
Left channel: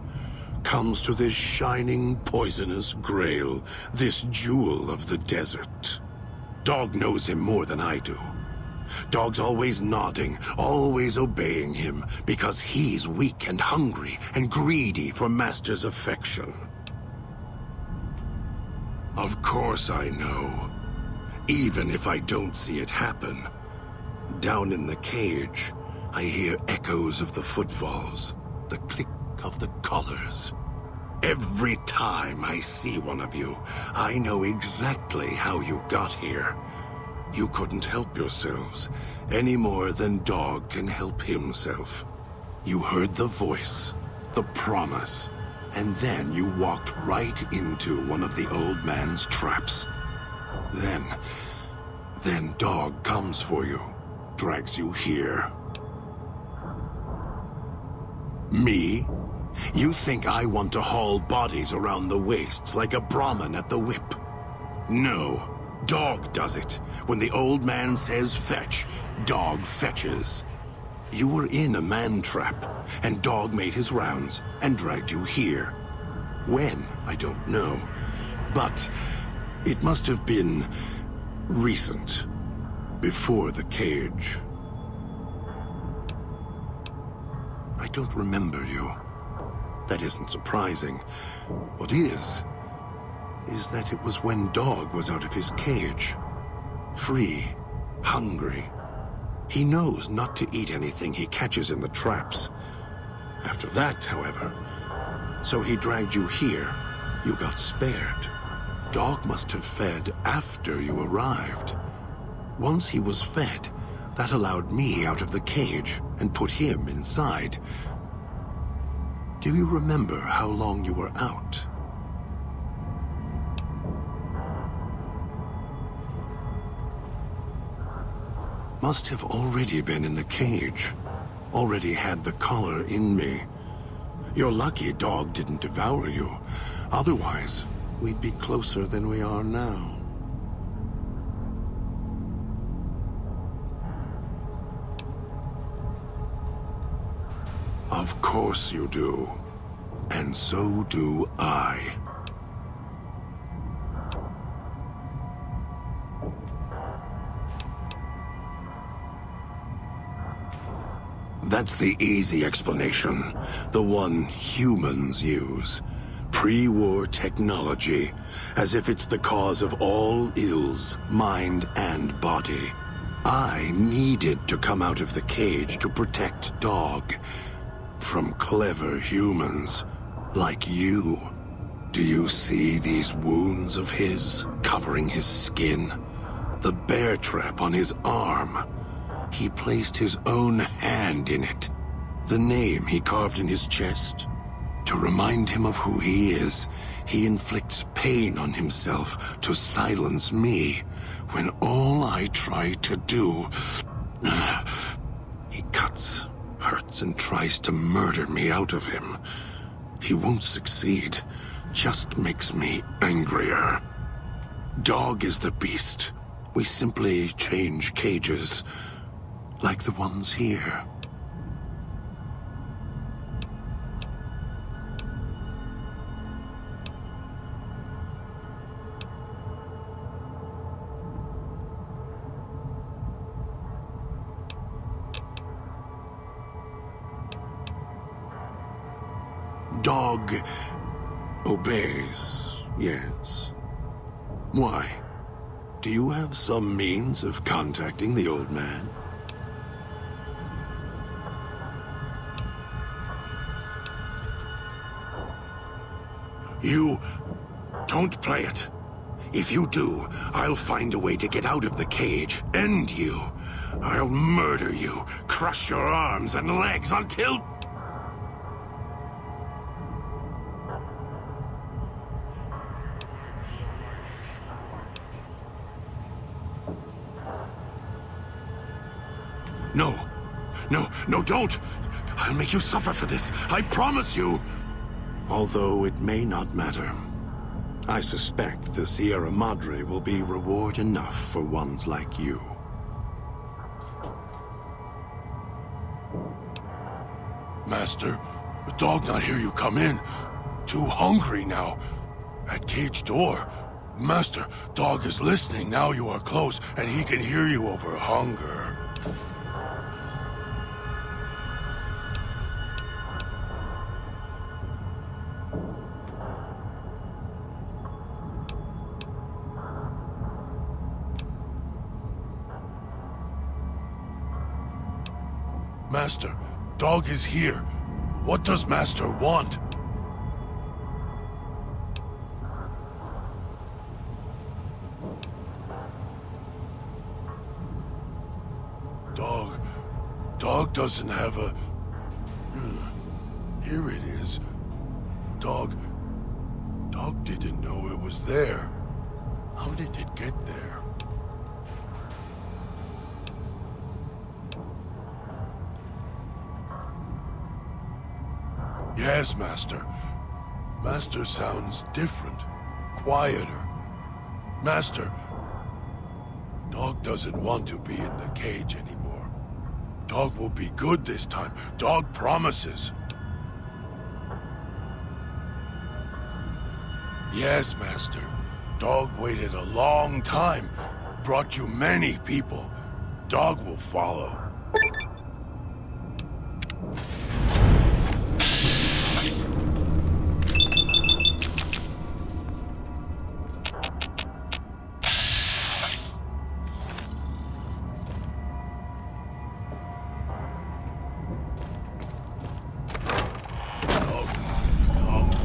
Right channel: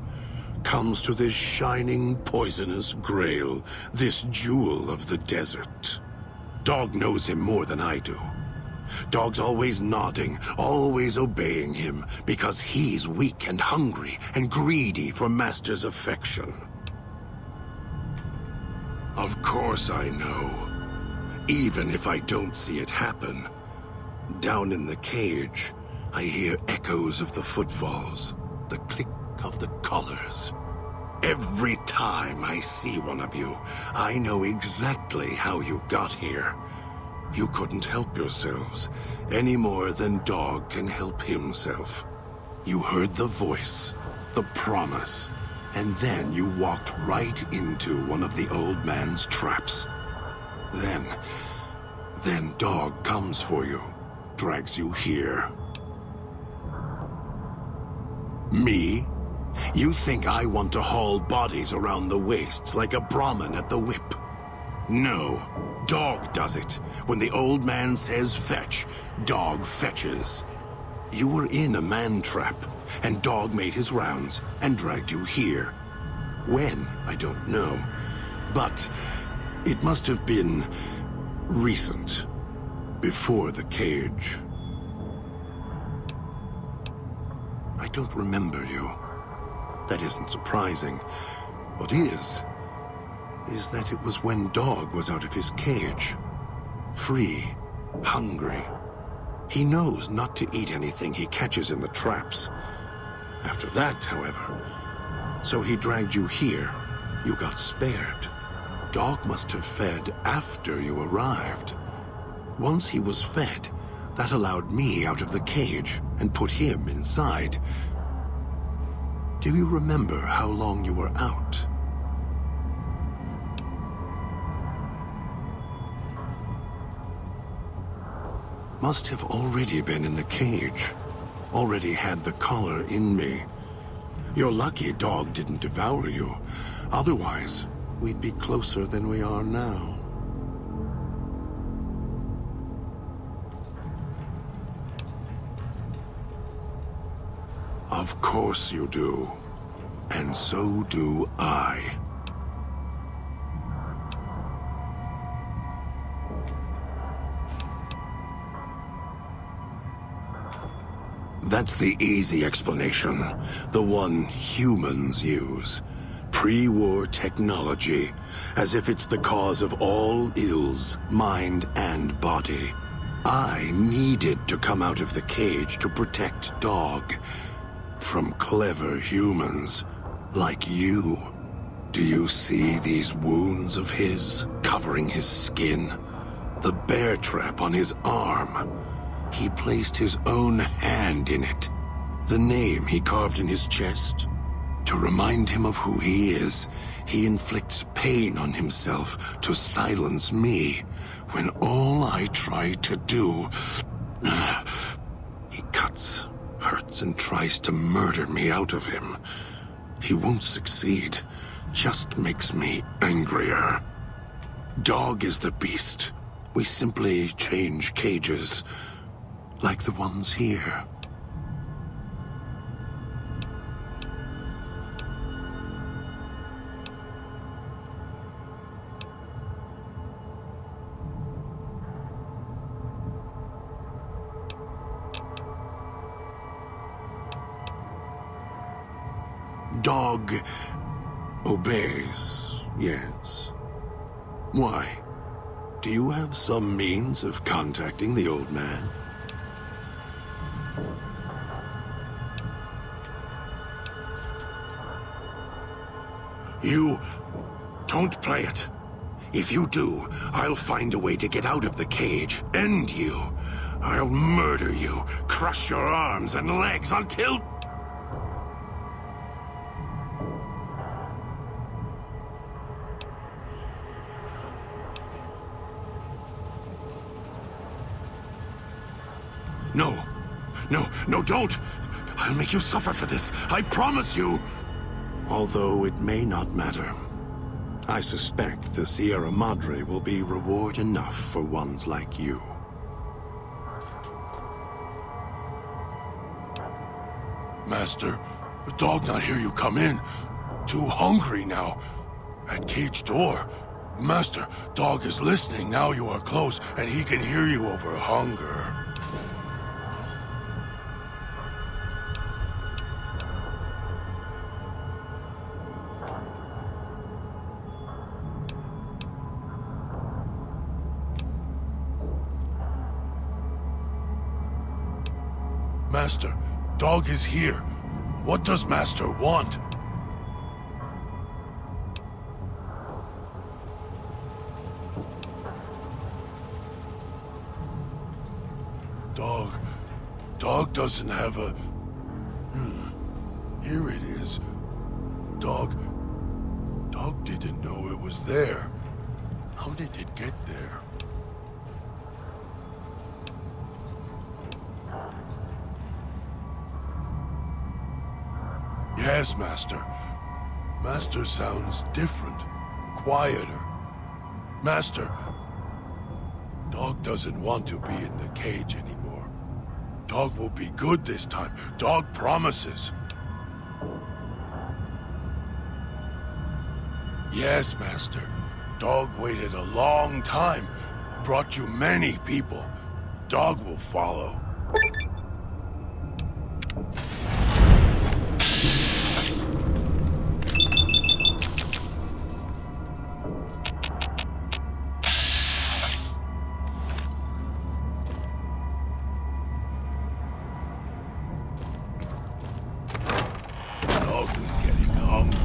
Comes to this shining, poisonous grail, this jewel of the desert. Dog knows him more than I do. Dog's always nodding, always obeying him, because he's weak and hungry and greedy for Master's affection. Of course I know. Even if I don't see it happen. Down in the cage, I hear echoes of the footfalls, the click of the collars. Every time I see one of you, I know exactly how you got here. You couldn't help yourselves, any more than Dog can help himself. You heard the voice, the promise, and then you walked right into one of the old man's traps. Then Dog comes for you, drags you here. Me? You think I want to haul bodies around the wastes like a Brahmin at the whip? No, Dog does it. When the old man says fetch, Dog fetches. You were in a man trap, and Dog made his rounds and dragged you here. When, I don't know. But it must have been recent, before the cage. I don't remember you. That isn't surprising. What is that it was when Dog was out of his cage. Free, hungry. He knows not to eat anything he catches in the traps. After that, however, so he dragged you here. You got spared. Dog must have fed after you arrived. Once he was fed, that allowed me out of the cage and put him inside. Do you remember how long you were out? Must have already been in the cage. Already had the collar in me. You're lucky Dog didn't devour you. Otherwise, we'd be closer than we are now. Of course you do. And so do I. That's the easy explanation. The one humans use. Pre-war technology. As if it's the cause of all ills, mind and body. I needed to come out of the cage to protect Dog. From clever humans, like you. Do you see these wounds of his, covering his skin? The bear trap on his arm. He placed his own hand in it. The name he carved in his chest. To remind him of who he is, he inflicts pain on himself to silence me, when all I try to do... He cuts, hurts, and tries to murder me out of him. He won't succeed, just makes me angrier. Dog is the beast. We simply change cages, like the ones here. Dog obeys, yes. Why? Do you have some means of contacting the old man? You don't play it. If you do, I'll find a way to get out of the cage, end you. I'll murder you, crush your arms and legs until... No, don't! I'll make you suffer for this, I promise you! Although it may not matter. I suspect the Sierra Madre will be reward enough for ones like you. Master, the dog not hear you come in. Too hungry now. At cage door. Master, dog is listening now you are close, and he can hear you over hunger. Master, dog is here. What does Master want? Dog doesn't have a... Here it is. Dog didn't know it was there. How did it get there? Yes, Master. Master sounds different, quieter. Master, dog doesn't want to be in the cage anymore. Dog will be good this time. Dog promises. Yes, Master. Dog waited a long time. Brought you many people. Dog will follow. Dog is getting hungry.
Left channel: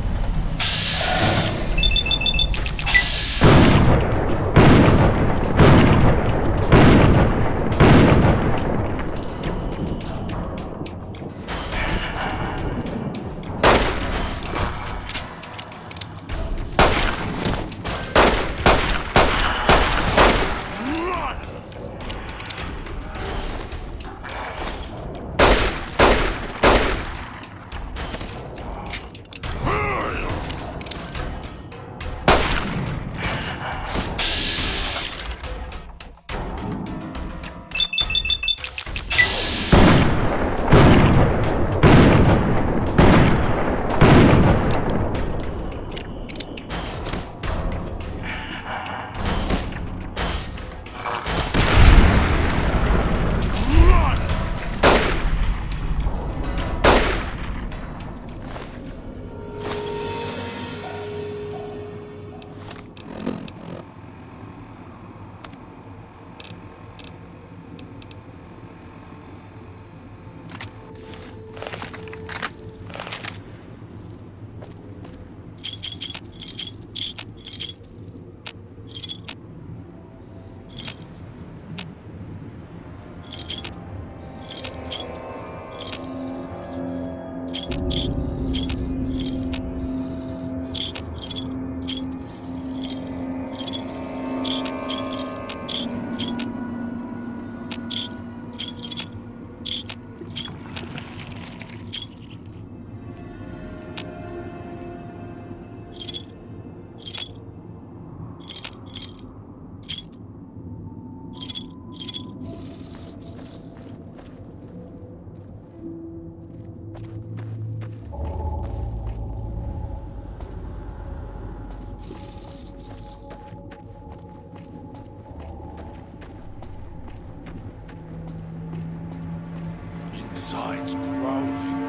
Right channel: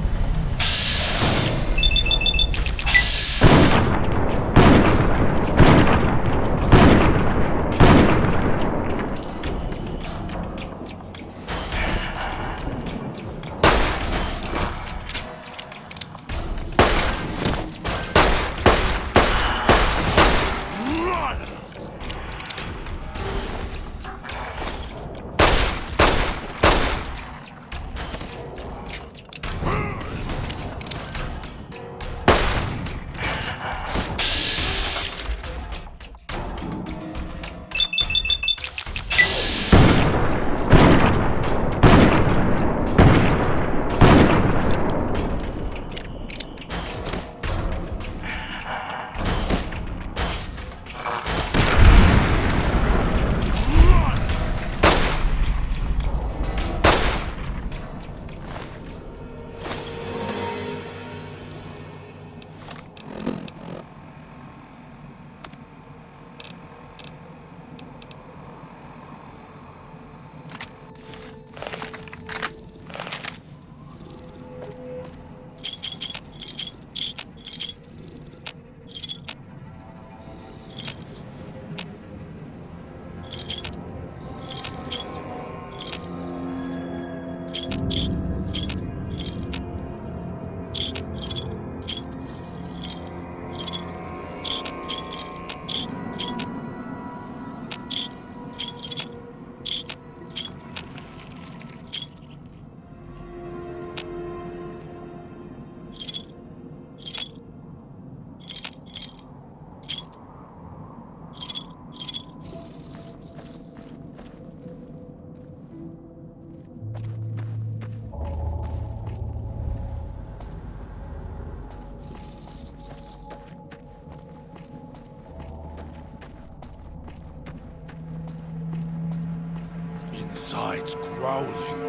Inside's growling.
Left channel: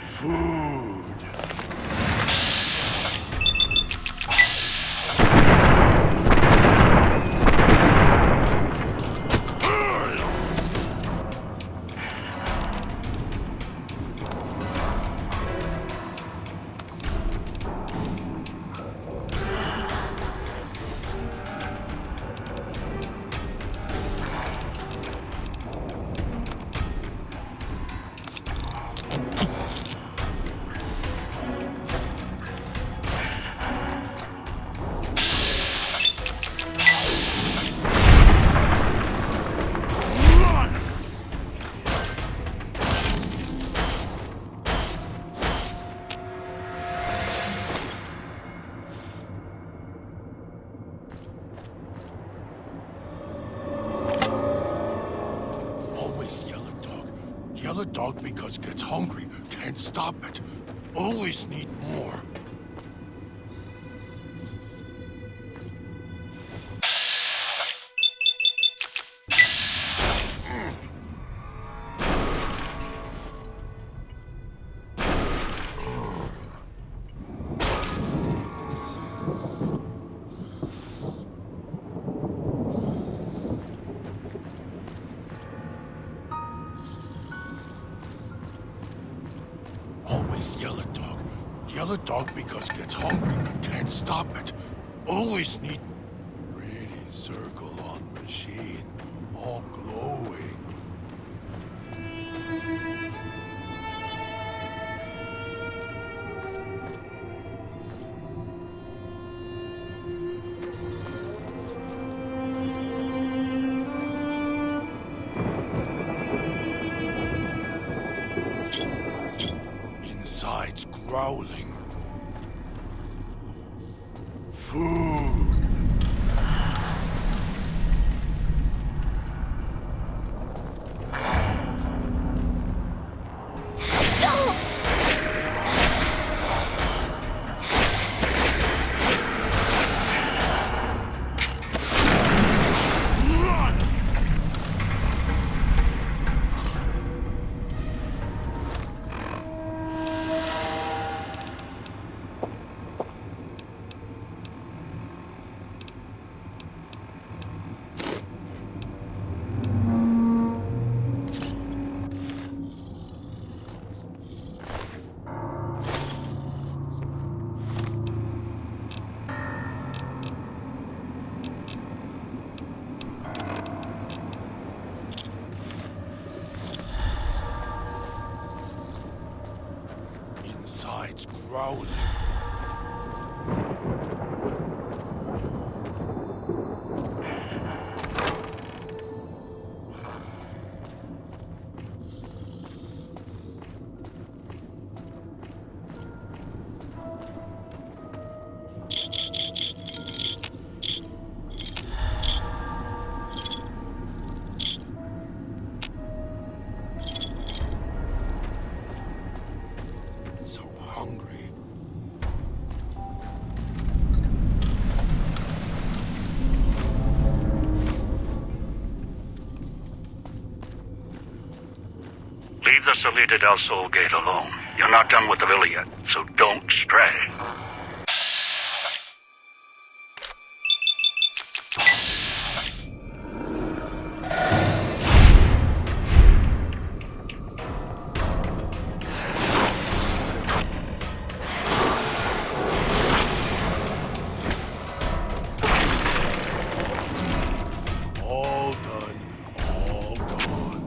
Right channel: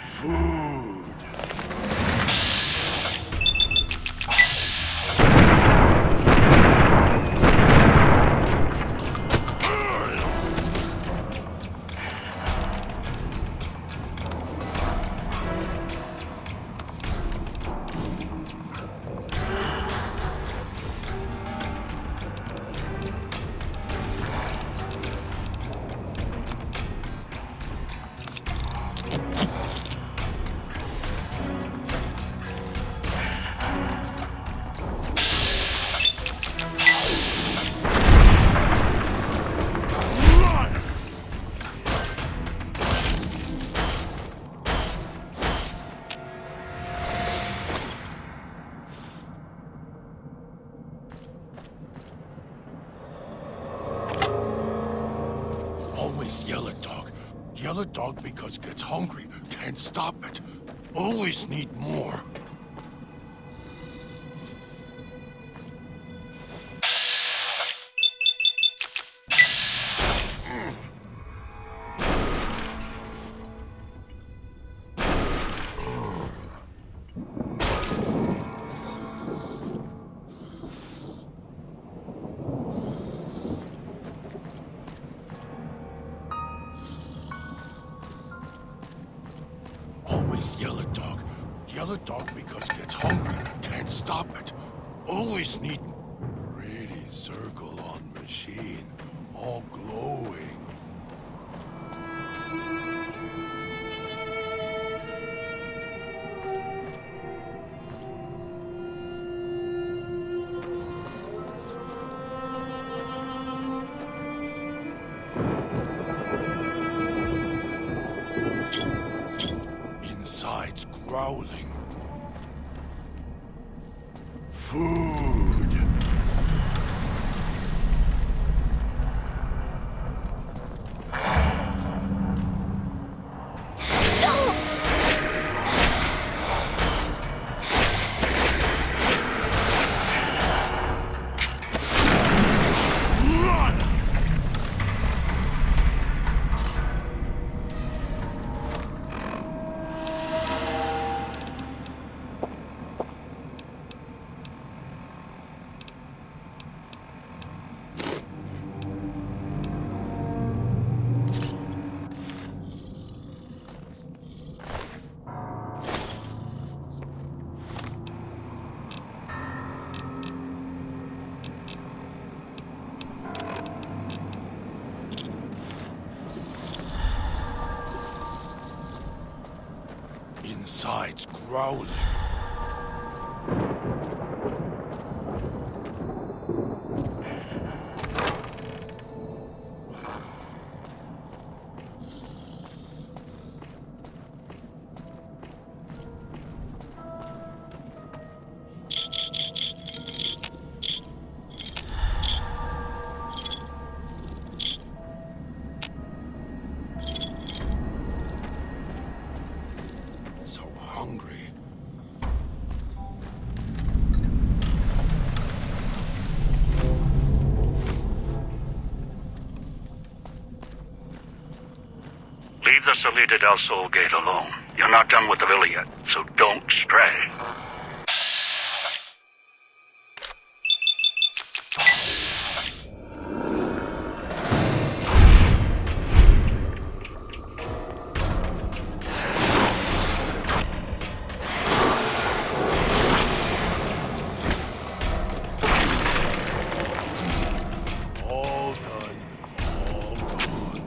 Food. Yell at dog because gets hungry. Can't stop it. Always need more. Always yell at dog. Yell at dog because gets hungry. Can't stop it. Always need... Pretty circle on machine. All glowing. Inside's growling. Food. Run! Inside's growling. So hungry. Leave the Salida del Sol gate alone. You're not done with the villa yet, so don't stray. All done. All gone.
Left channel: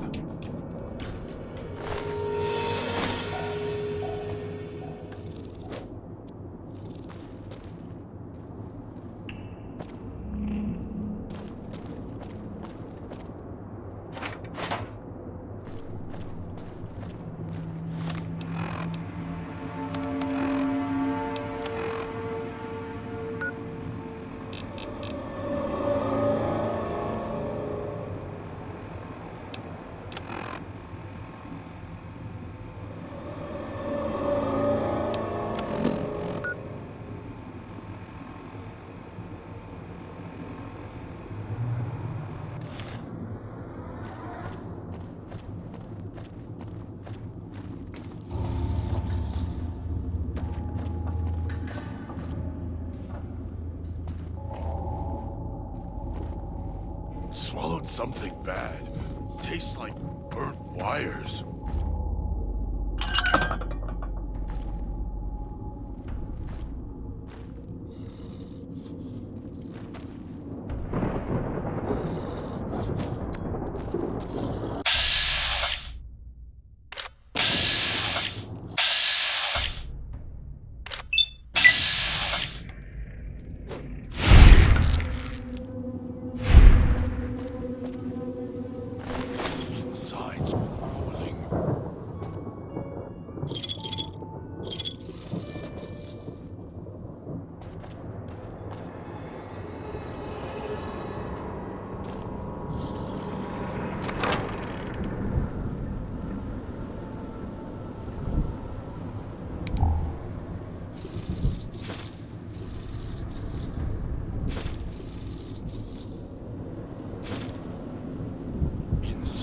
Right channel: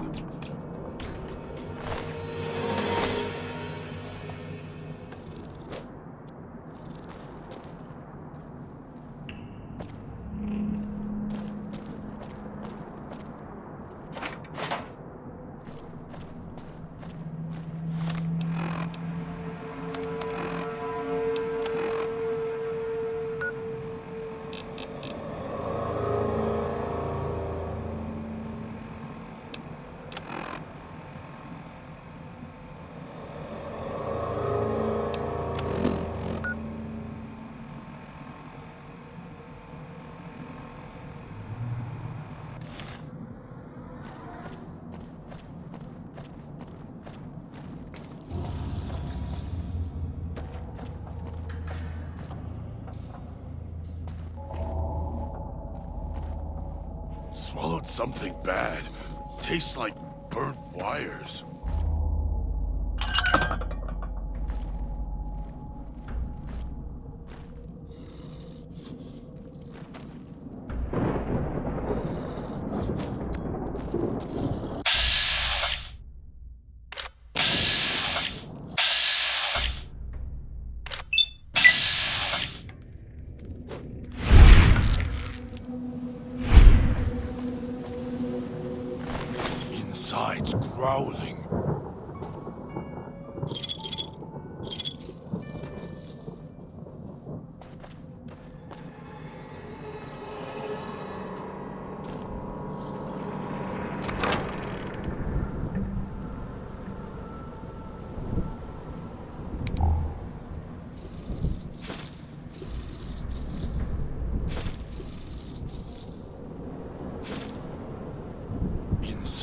Swallowed something bad. Tastes like burnt wires. Inside's growling.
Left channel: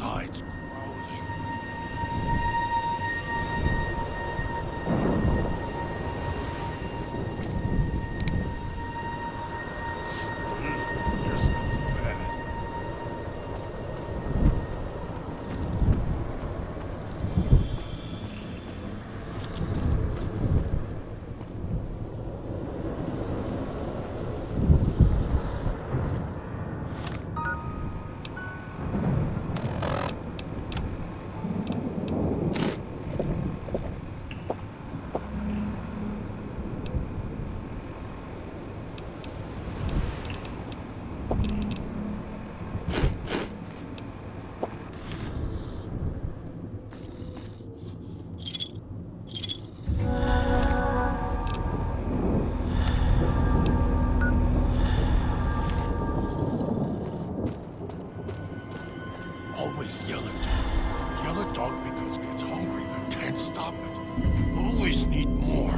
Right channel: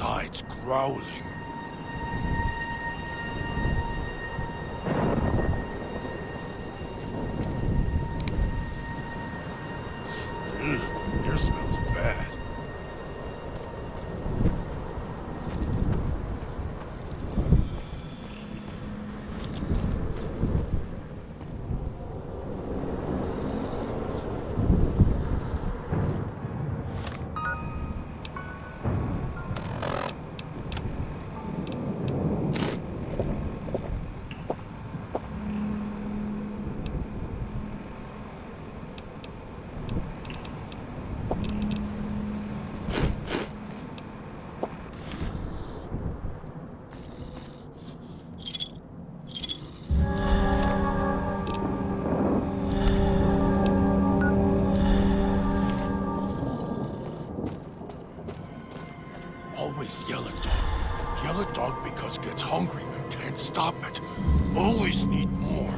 insides growling. Ugh, your smells bad. Always yell at dog. Yell at dog because gets hungry. Can't stop it. Always need more.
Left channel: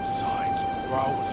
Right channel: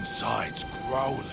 Insides growling.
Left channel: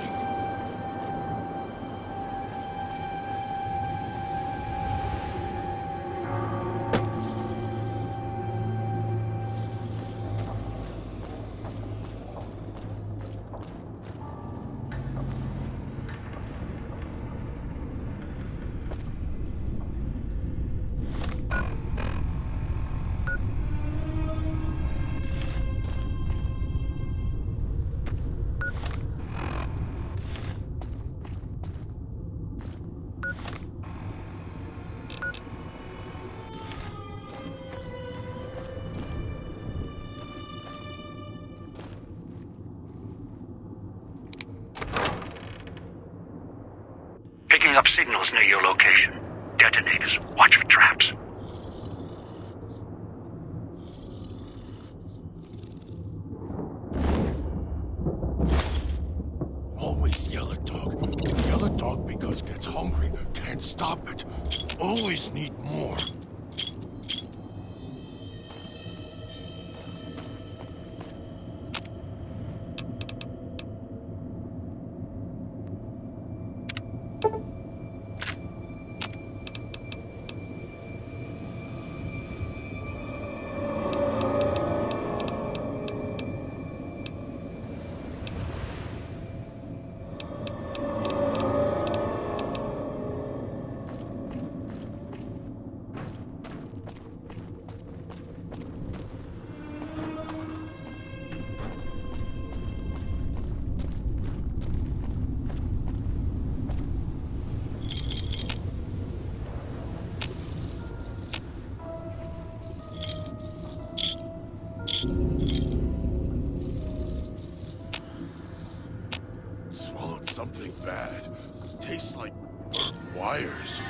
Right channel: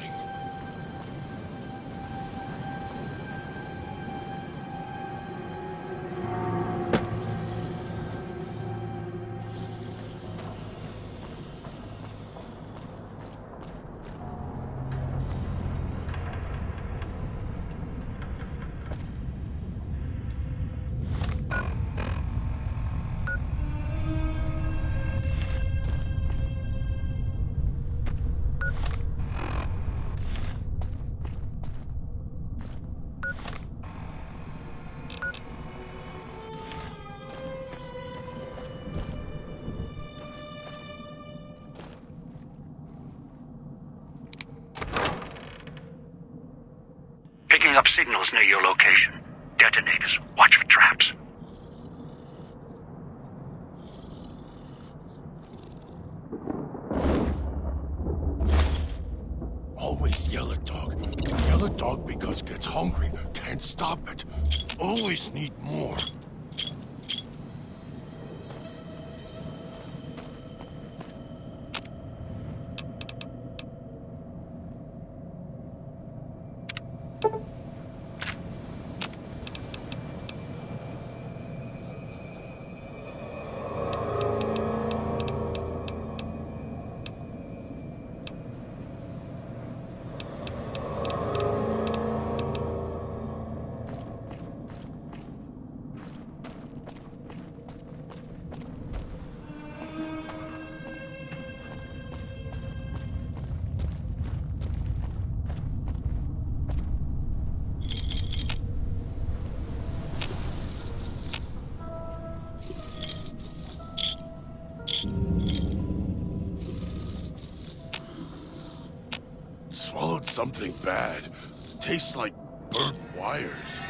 Picking up signals near your location. Detonators. Watch for traps. Always yell at dog. Yell at dog because gets hungry. Can't stop it. Always need more. Swallowed something bad. Tastes like burnt wires.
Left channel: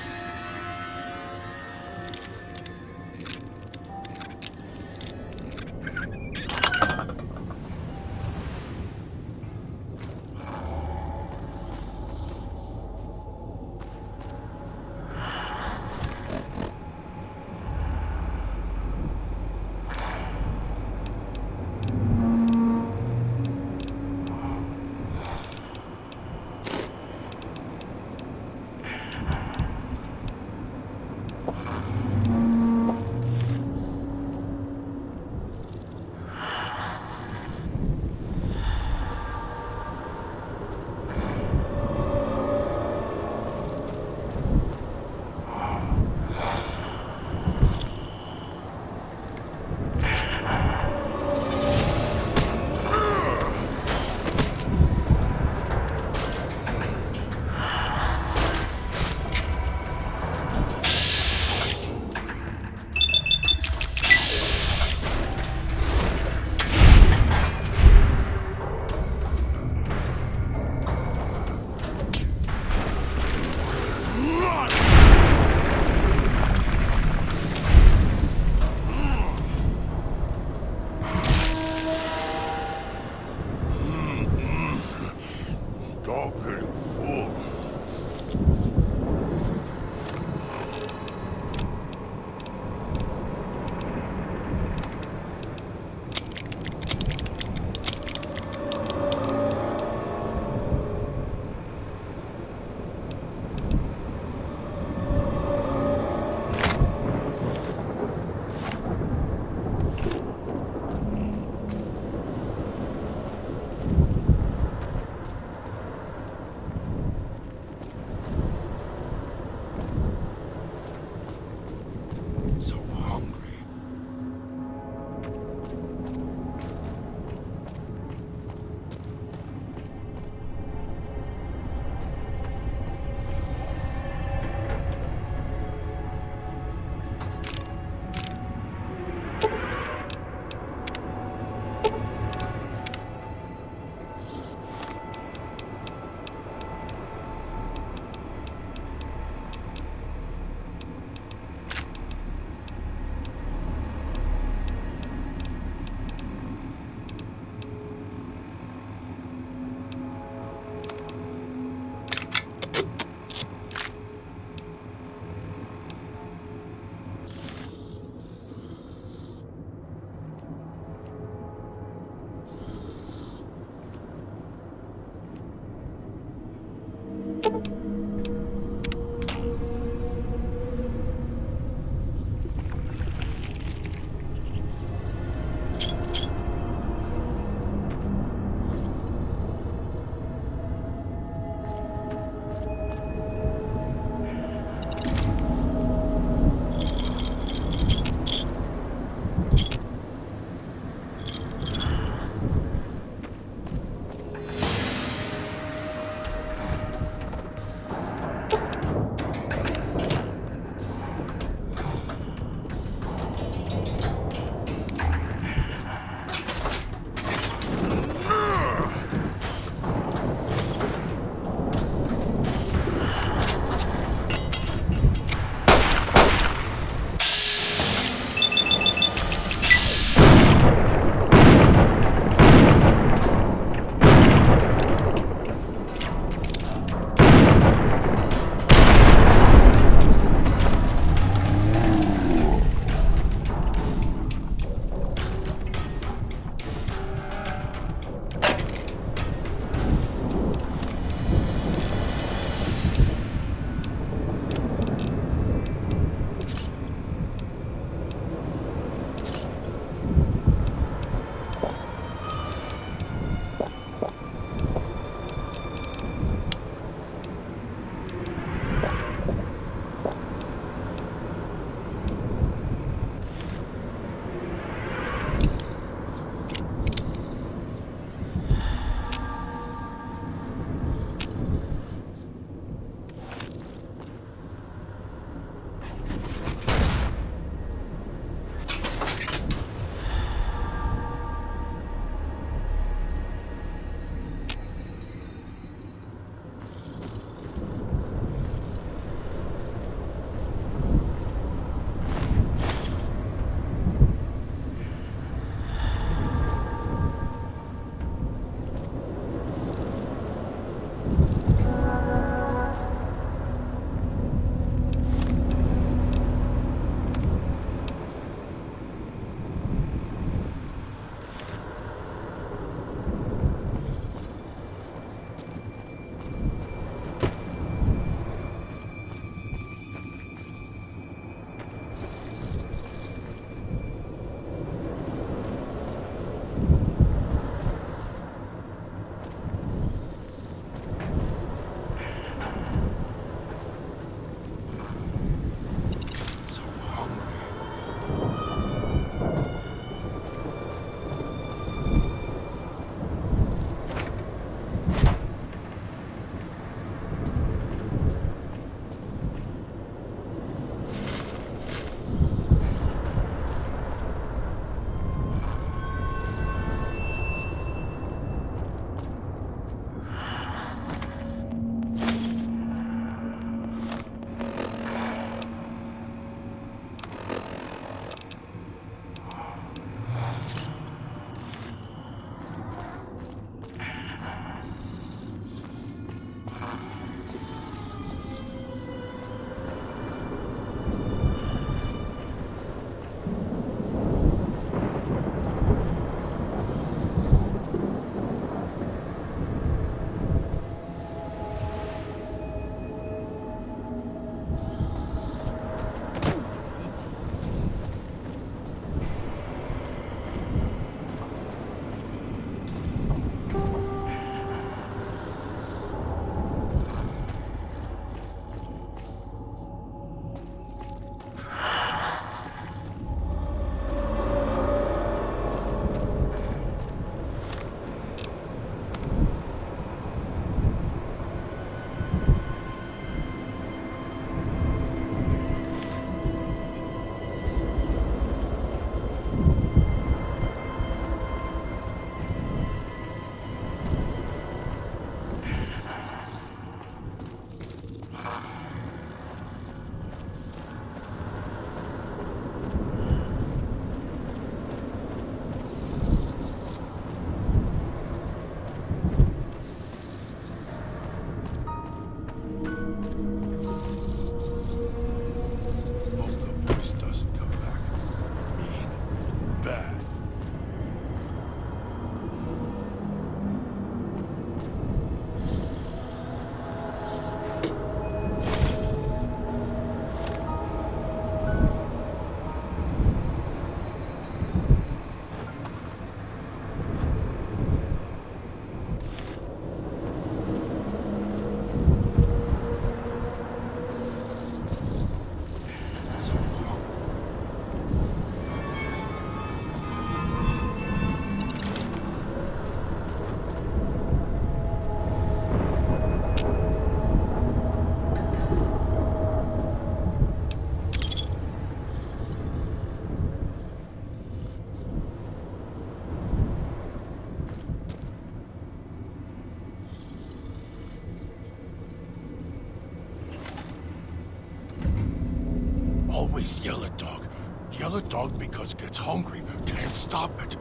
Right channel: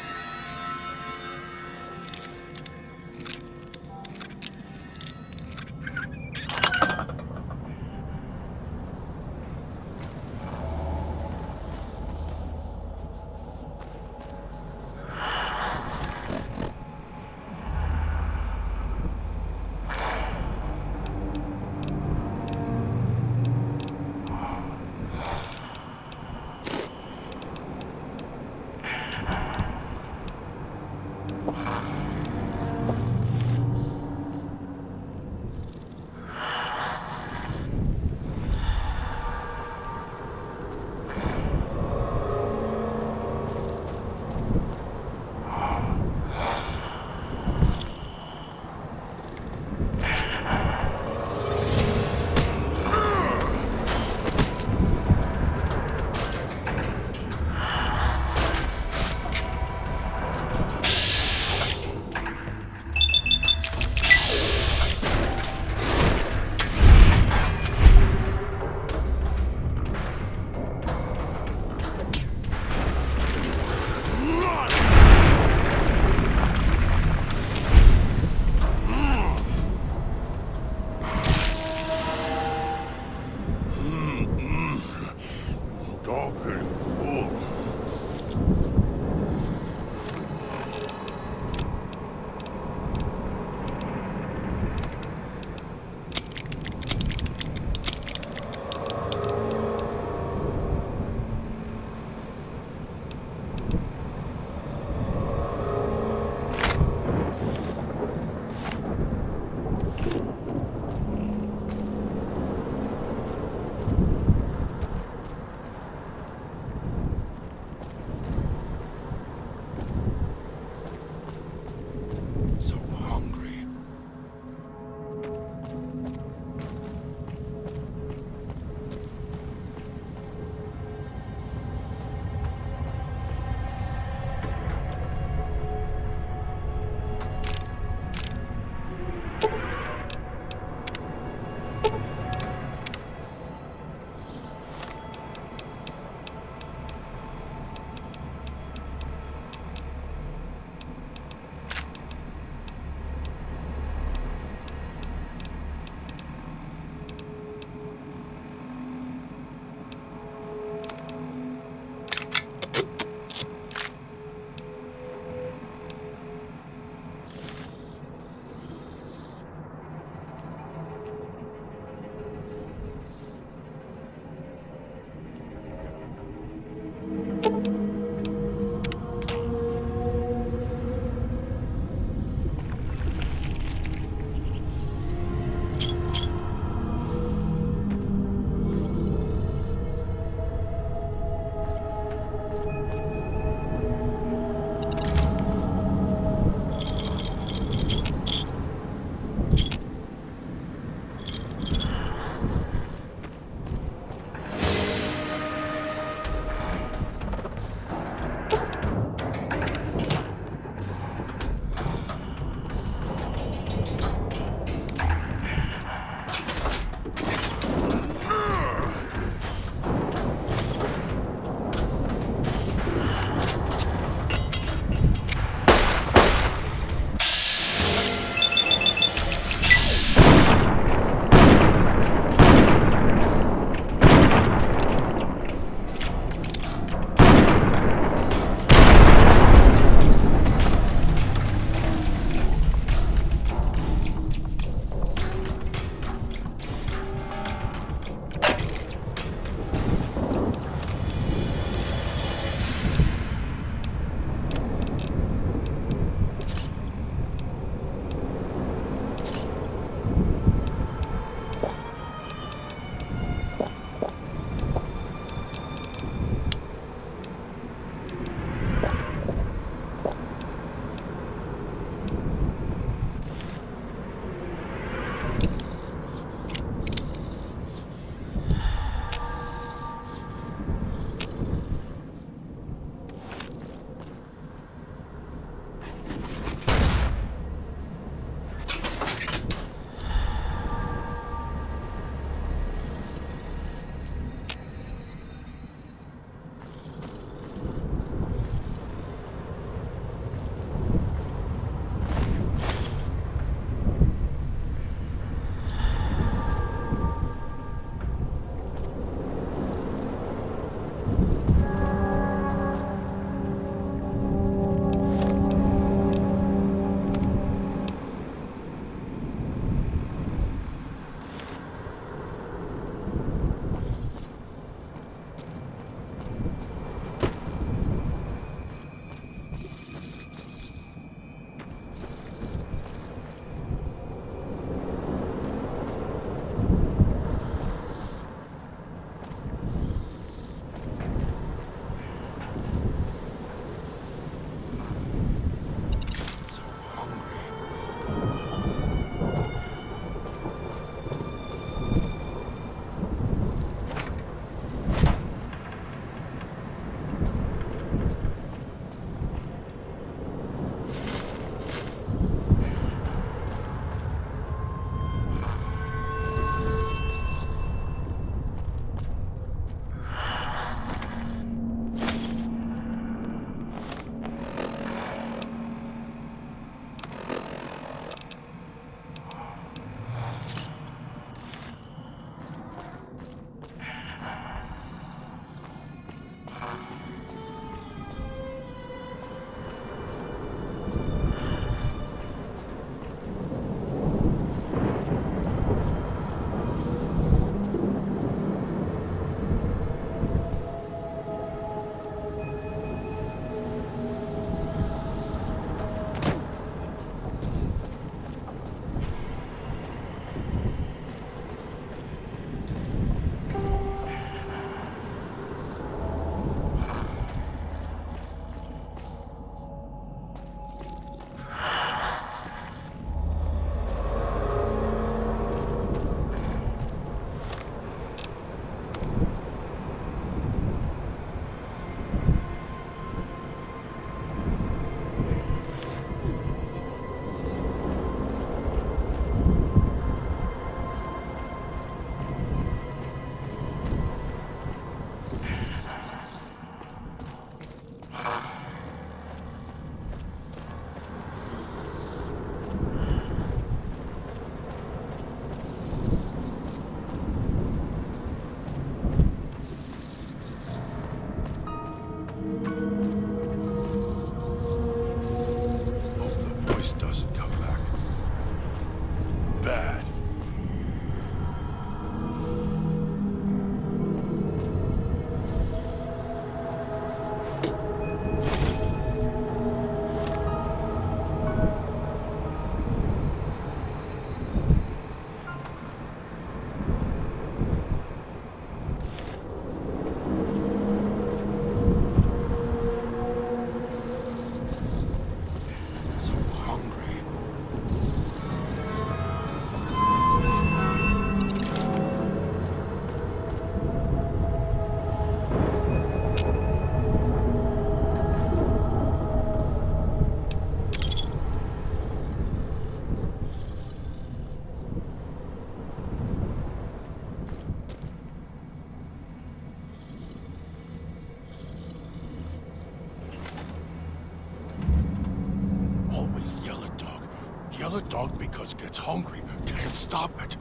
Always yell at dog. Yell at dog because gets hungry. Can't stop it.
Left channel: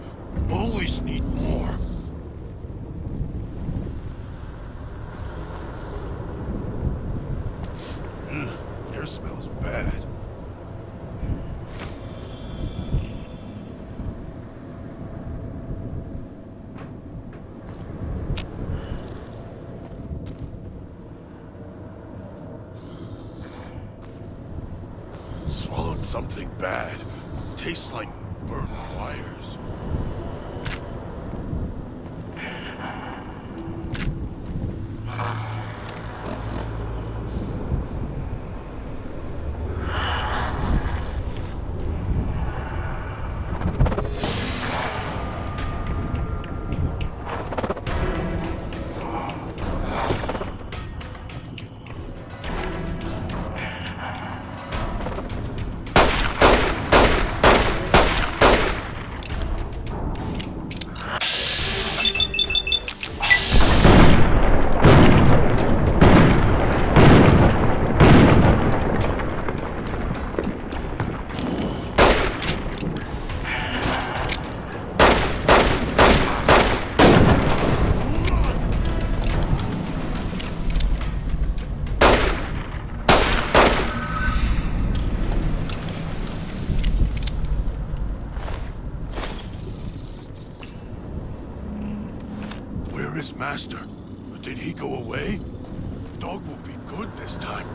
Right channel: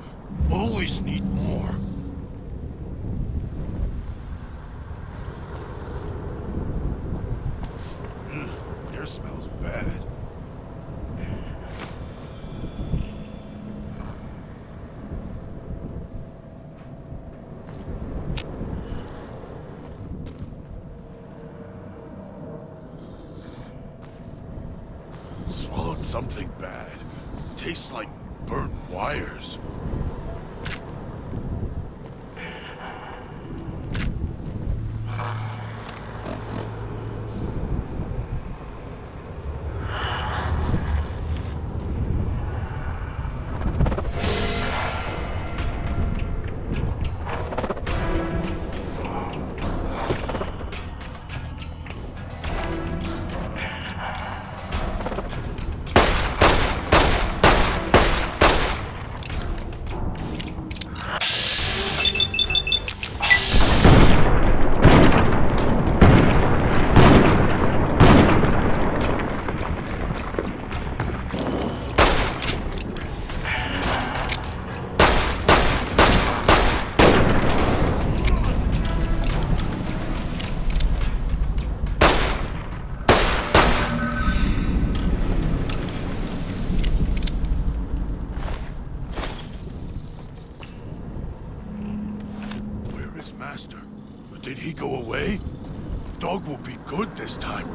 Always need more. Ugh, air smells bad. Swallowed something bad. Tastes like burnt wires. Where is Master? Did he go away? Dog will be good this time.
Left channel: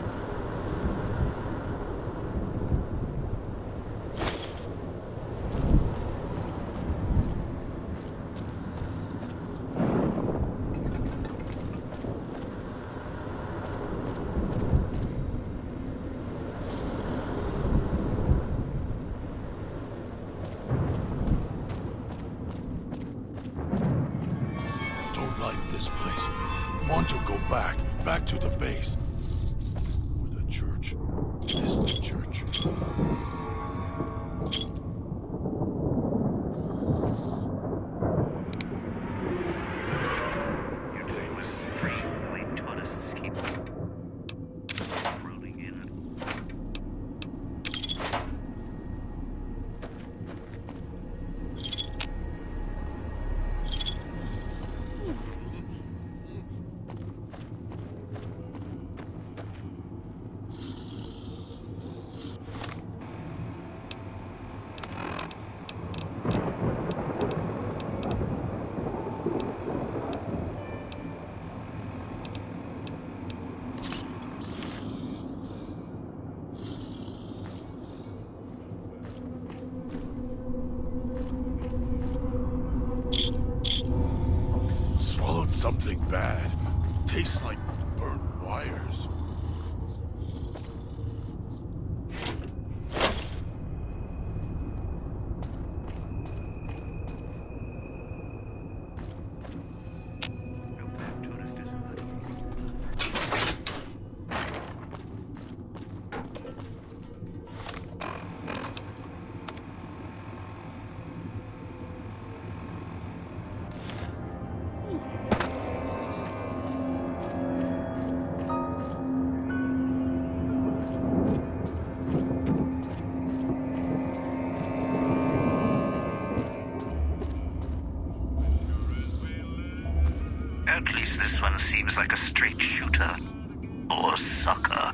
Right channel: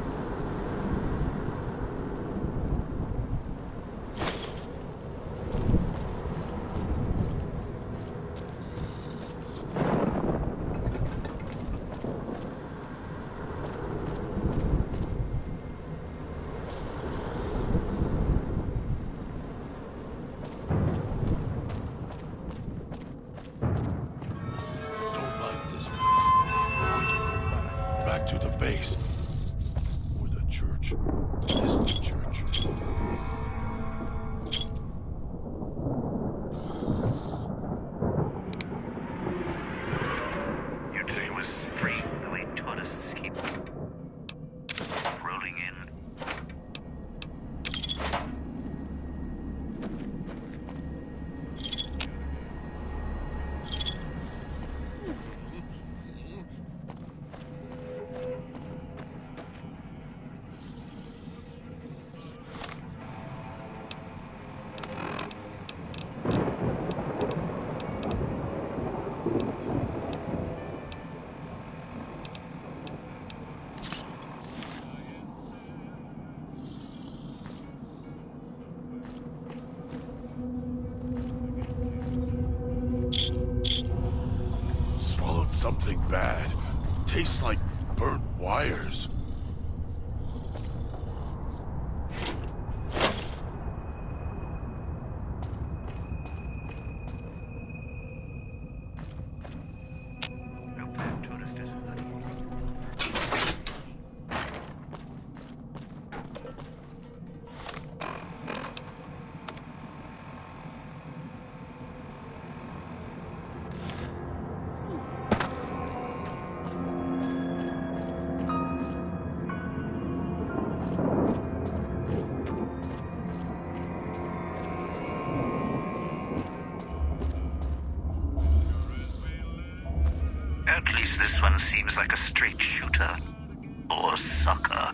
Don't like this place. Want to go back to the base. Or the church. Is the church. You'd say it was strange the way tourists keep rolling in. Swallowed something bad. Tastes like burnt wires. Hope that tourist isn't hurting. At least this one seems like a straight shooter. Or sucker.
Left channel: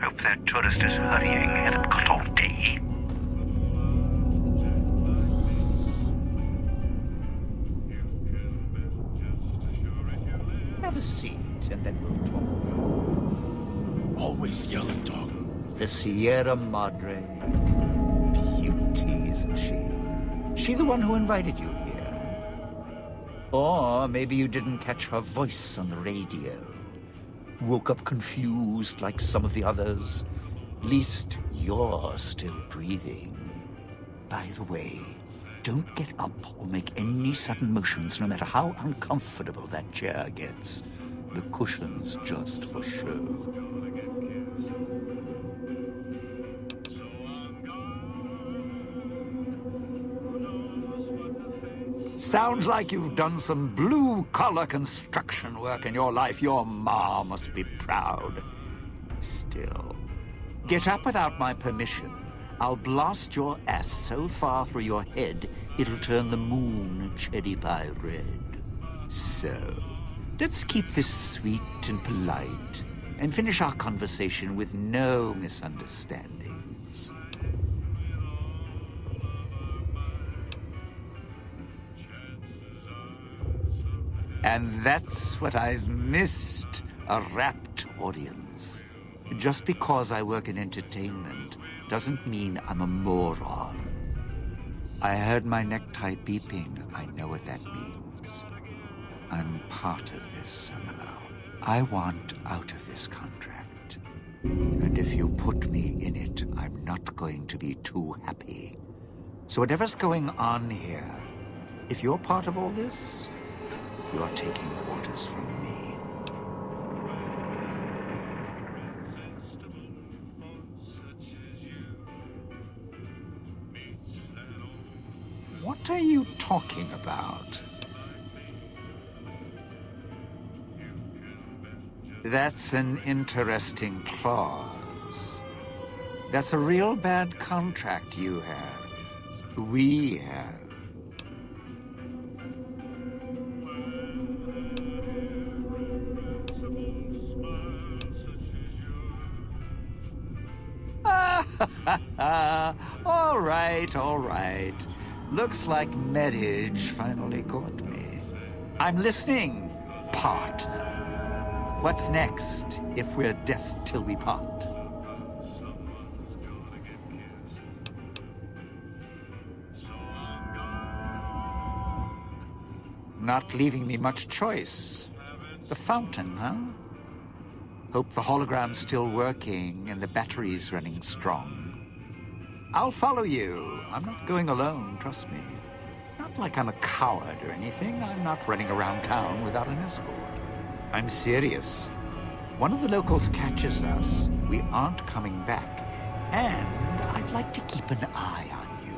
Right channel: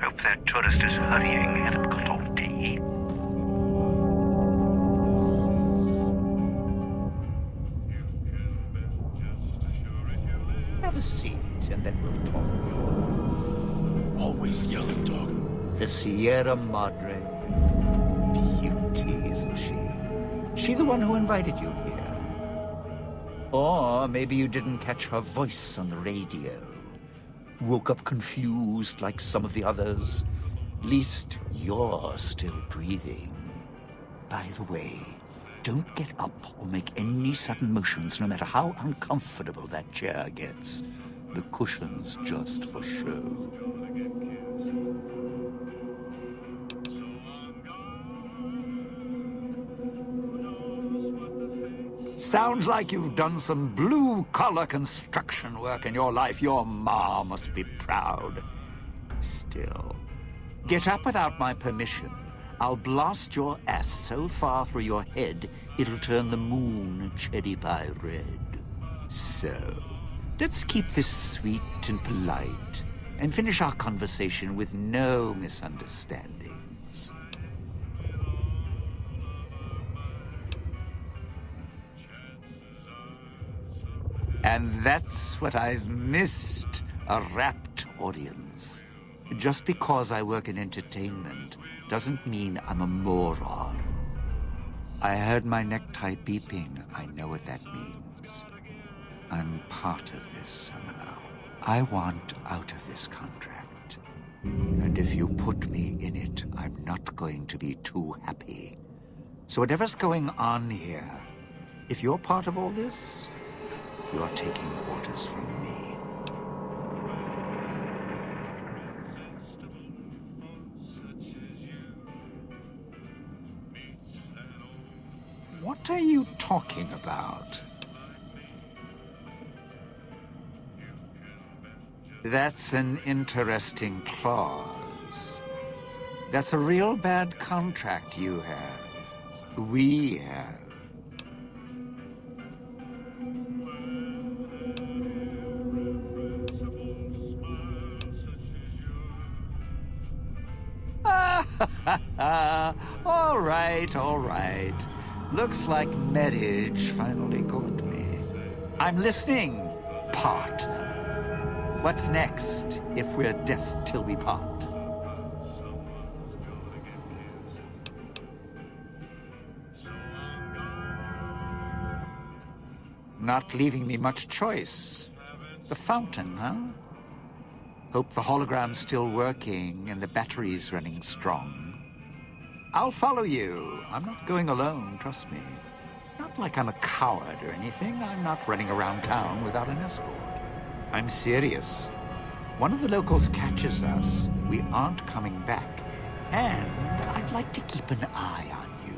Hope that tourist is hurrying. Haven't got all day. Have a seat, and then we'll talk. Always yell at dog. The Sierra Madre. Beauty, isn't she? She the one who invited you here? Or maybe you didn't catch her voice on the radio. Woke up confused like some of the others. Least you're still breathing. By the way, Don't get up or make any sudden motions, no matter how uncomfortable that chair gets. The cushion's just for show. Sounds like you've done some blue-collar construction work in your life. Your ma must be proud. Still, get up without my permission. I'll blast your ass so far through your head, it'll turn the moon cherry pie red. So, let's keep this sweet and polite, and finish our conversation with no misunderstandings. And that's what I've missed, a rapt audience. Just because I work in entertainment doesn't mean I'm a moron. I heard my necktie beeping. I know what that means. I'm part of this somehow. I want out of this contract. And if you put me in it, I'm not going to be too happy. So whatever's going on here, if you're part of all this, you're taking orders from me. What are you talking about? That's an interesting clause. That's a real bad contract you have. We have. All right. Looks like marriage finally caught me. I'm listening, partner. What's next, if we're death till we part? Not leaving me much choice. The fountain, huh? Hope the hologram's still working and the battery's running strong. I'll follow you. I'm not going alone, trust me. Not like I'm a coward or anything. I'm not running around town without an escort. I'm serious. One of the locals catches us, we aren't coming back. And I'd like to keep an eye on you.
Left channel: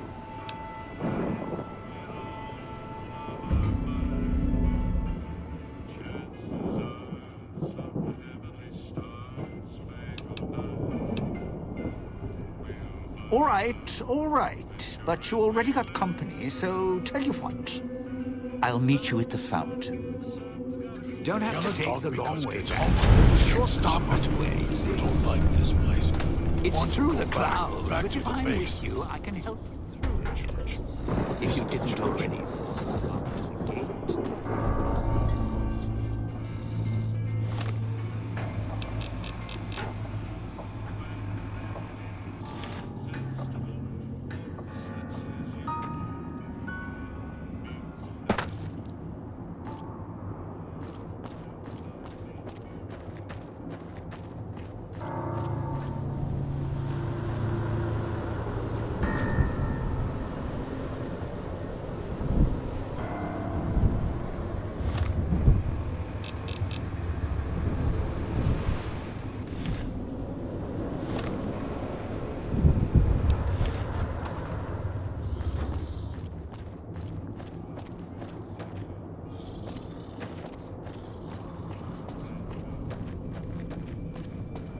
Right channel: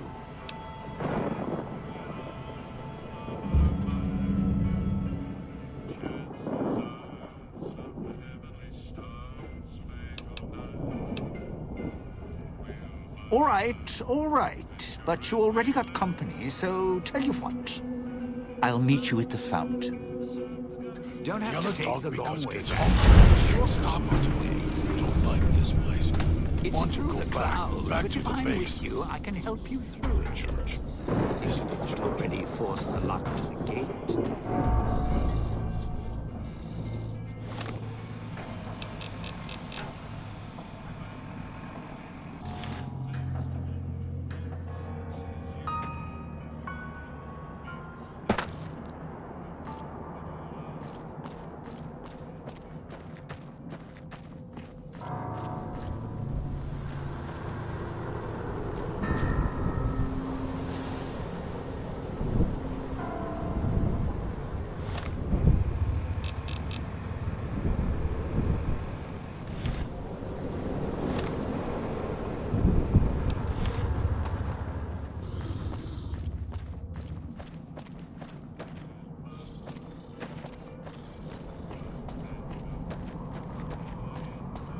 All right. But you already got company, so tell you what. I'll meet you at the fountain. Don't have to take the long way back. There's a short stop us. way. Don't like this place. It's Want to through go the clouds. back But to if the I'm base. with you, I can help you through it. Church. If you didn't already force the lock to the gate.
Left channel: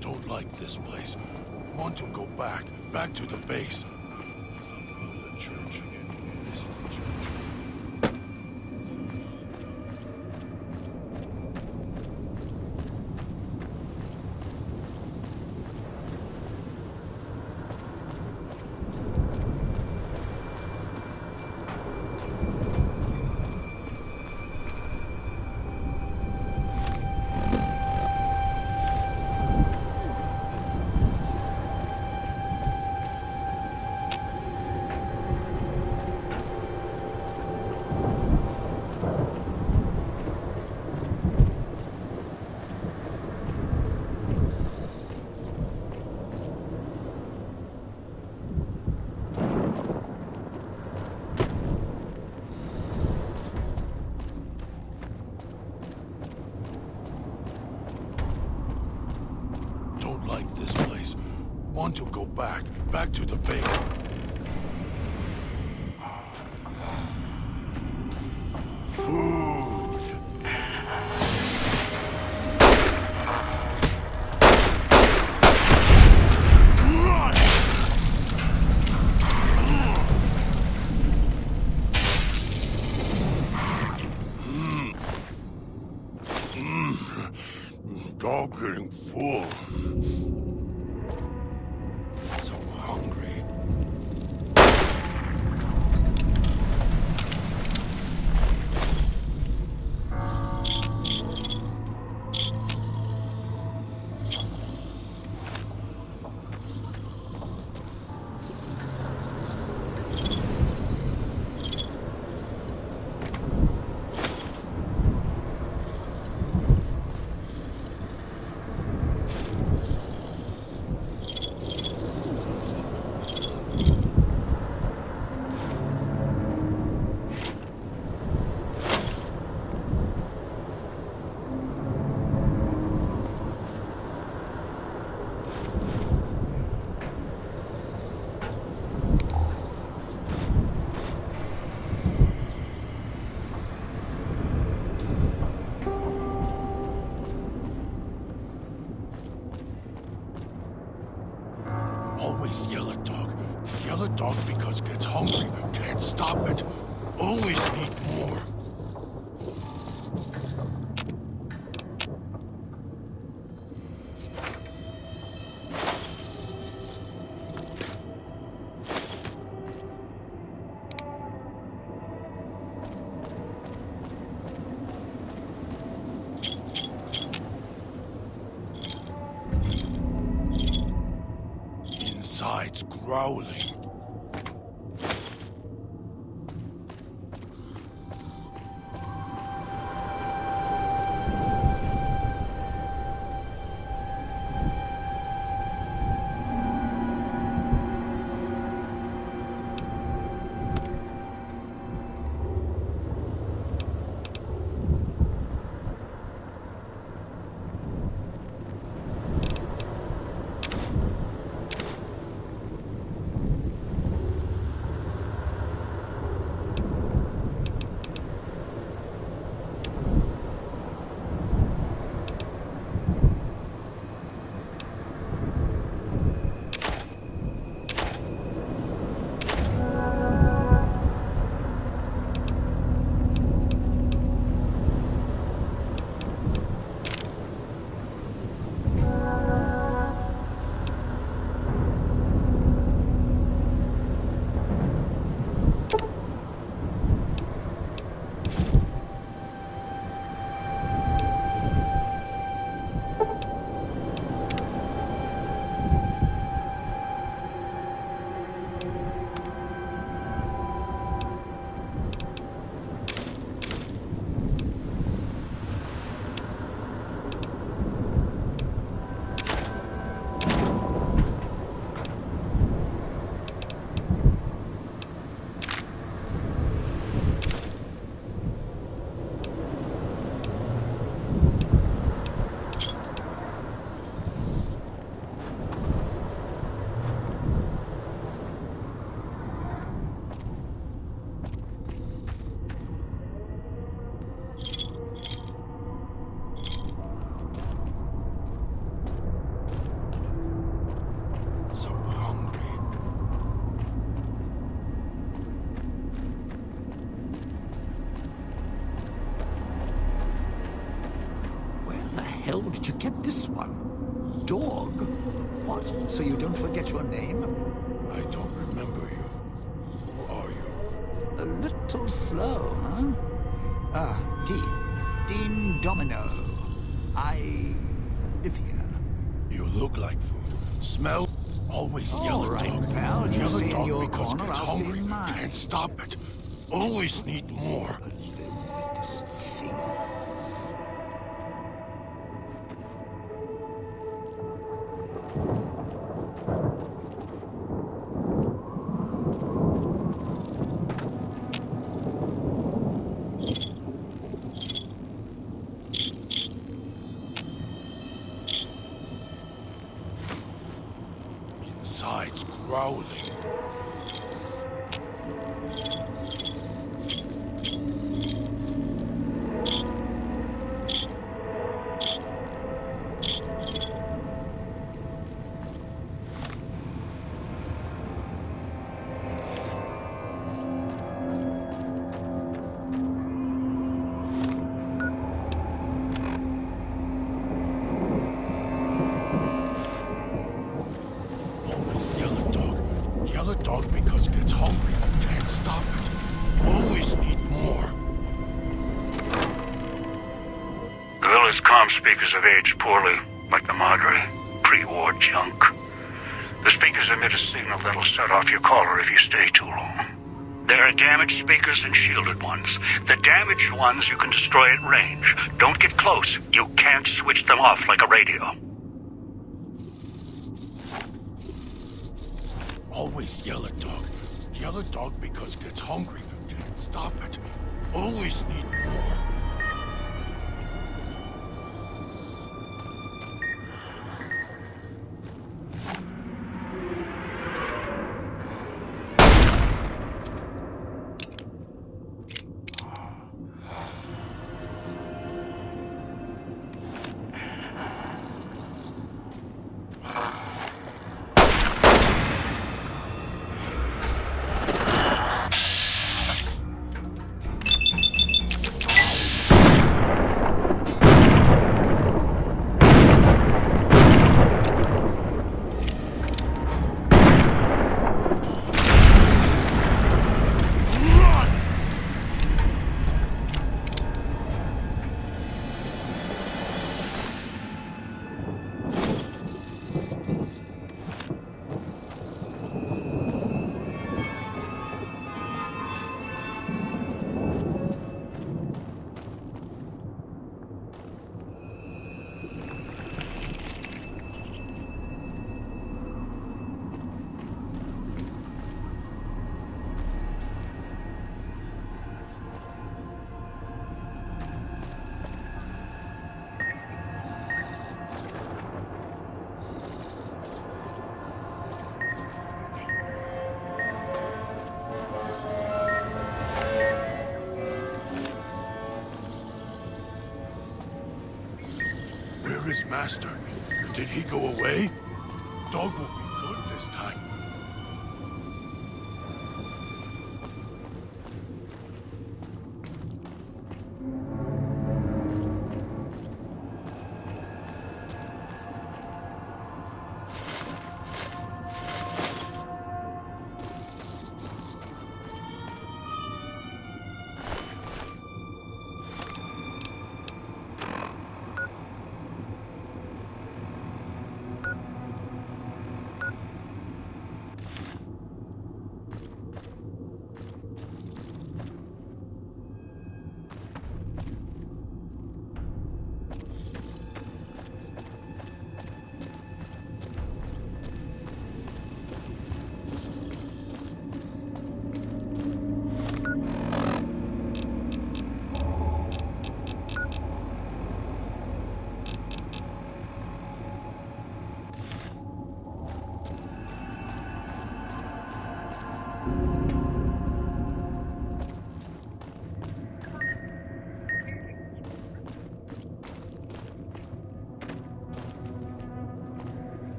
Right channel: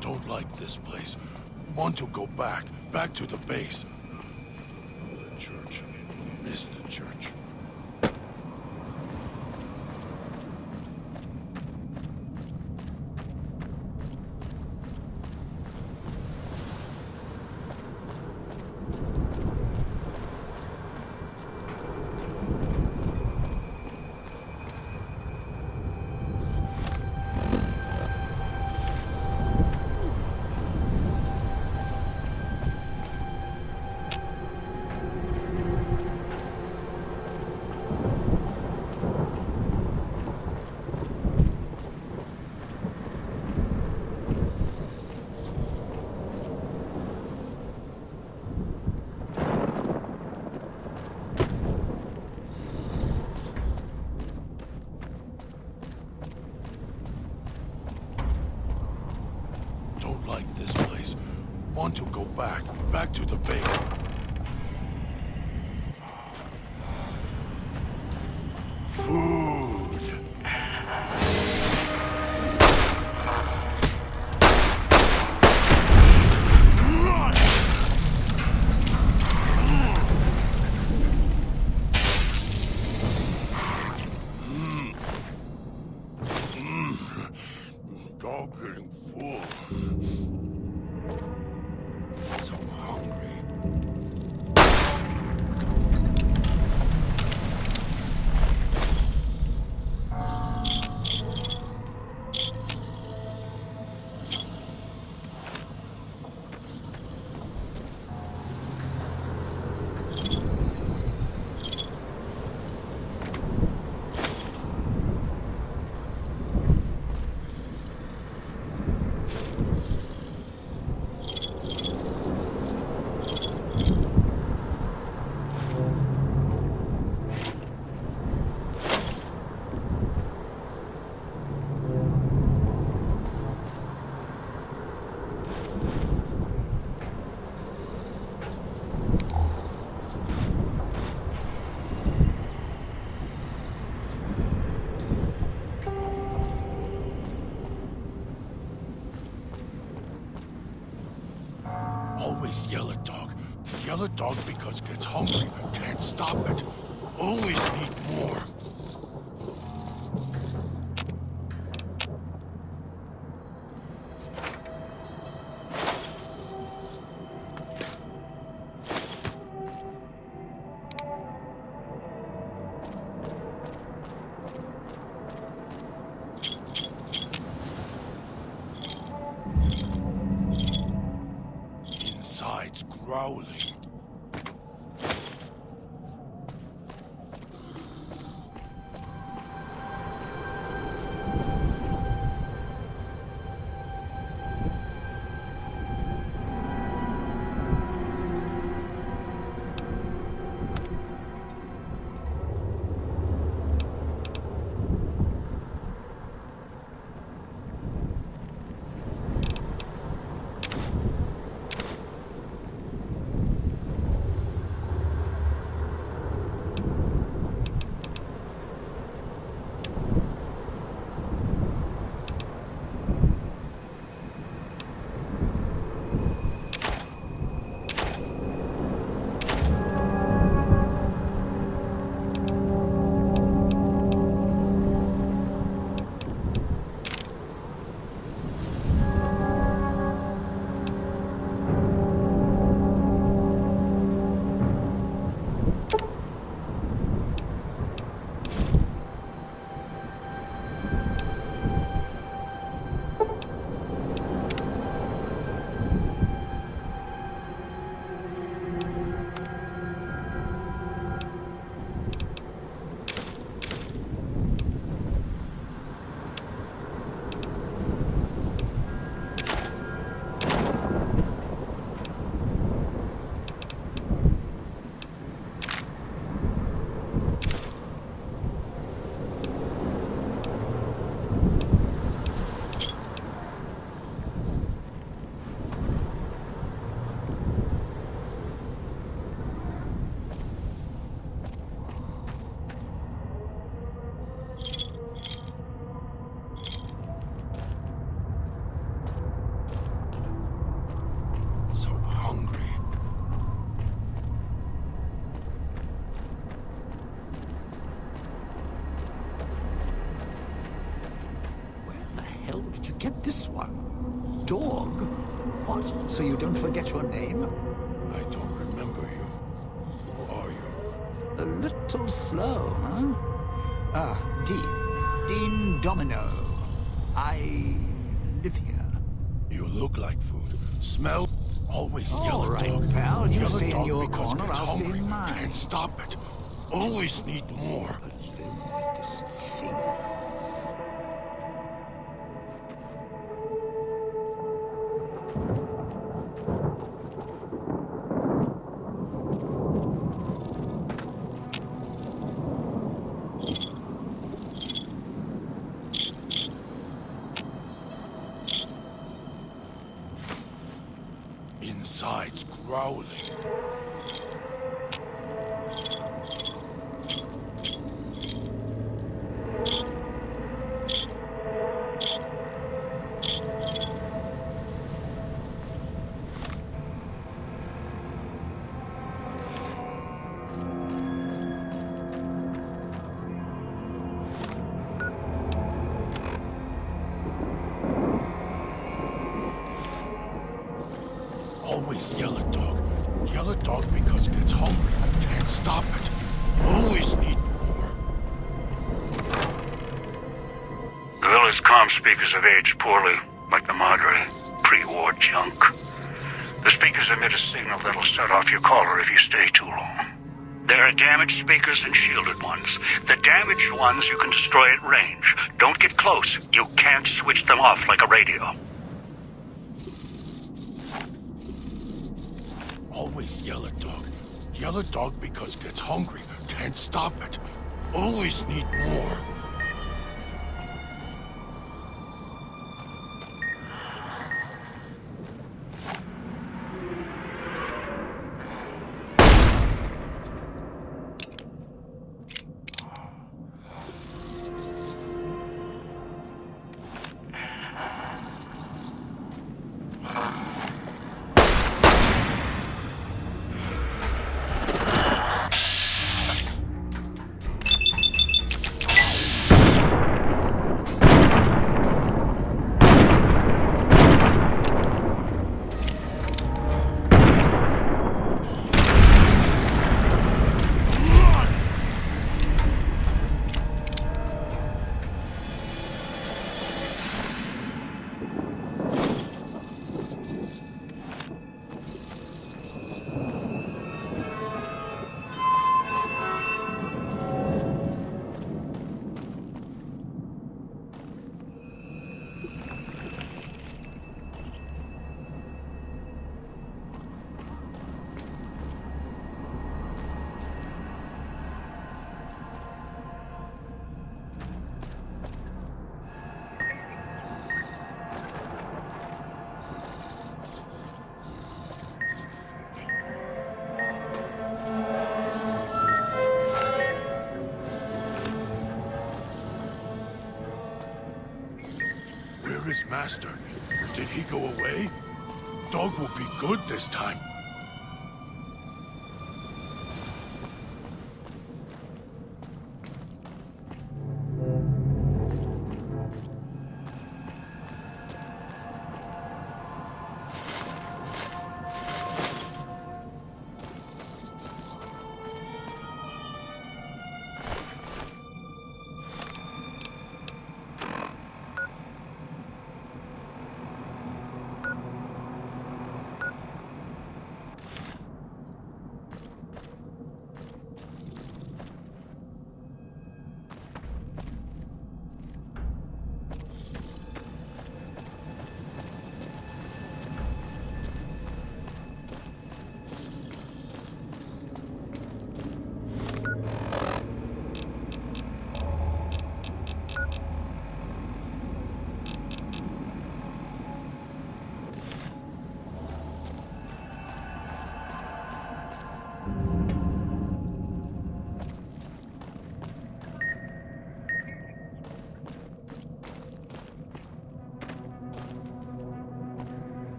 Don't like this place. Want to go back to the base. The church is the church. like this place. Want to go back to the base. Food. Dog getting full. So hungry. Always yell at dog. Yell at dog because gets hungry. Can't stop it. Always need more. Inside's growling. Hell did you get this one? Dog? What? So you don't forget your name? I don't remember you. Who are you? A little slow, huh? Dean. Dean Domino. I live here. You look like food. Smell. Always All yell at right, dog. pal. You Yell stay at in dog your because corner, gets I'll stay hungry. in mine. Can't stop it. Always need more. Alone with this thing. insides growling. Always yell at dog. Yell at dog because it gets hungry. Can't stop it. Always need more. The village comm speakers have aged poorly, like the Madre. Pre-war junk. The speakers emit a signal that'll set off your caller if you stay too long. There are damaged speakers and shielded ones. The damaged ones you can destroy at range. Don't get close. You can't switch them off like a radio. Always yell at dog. Yell at dog because it gets hungry. Can't stop it. Always need more. Where is Master? Did he go away? Dog will be good this time.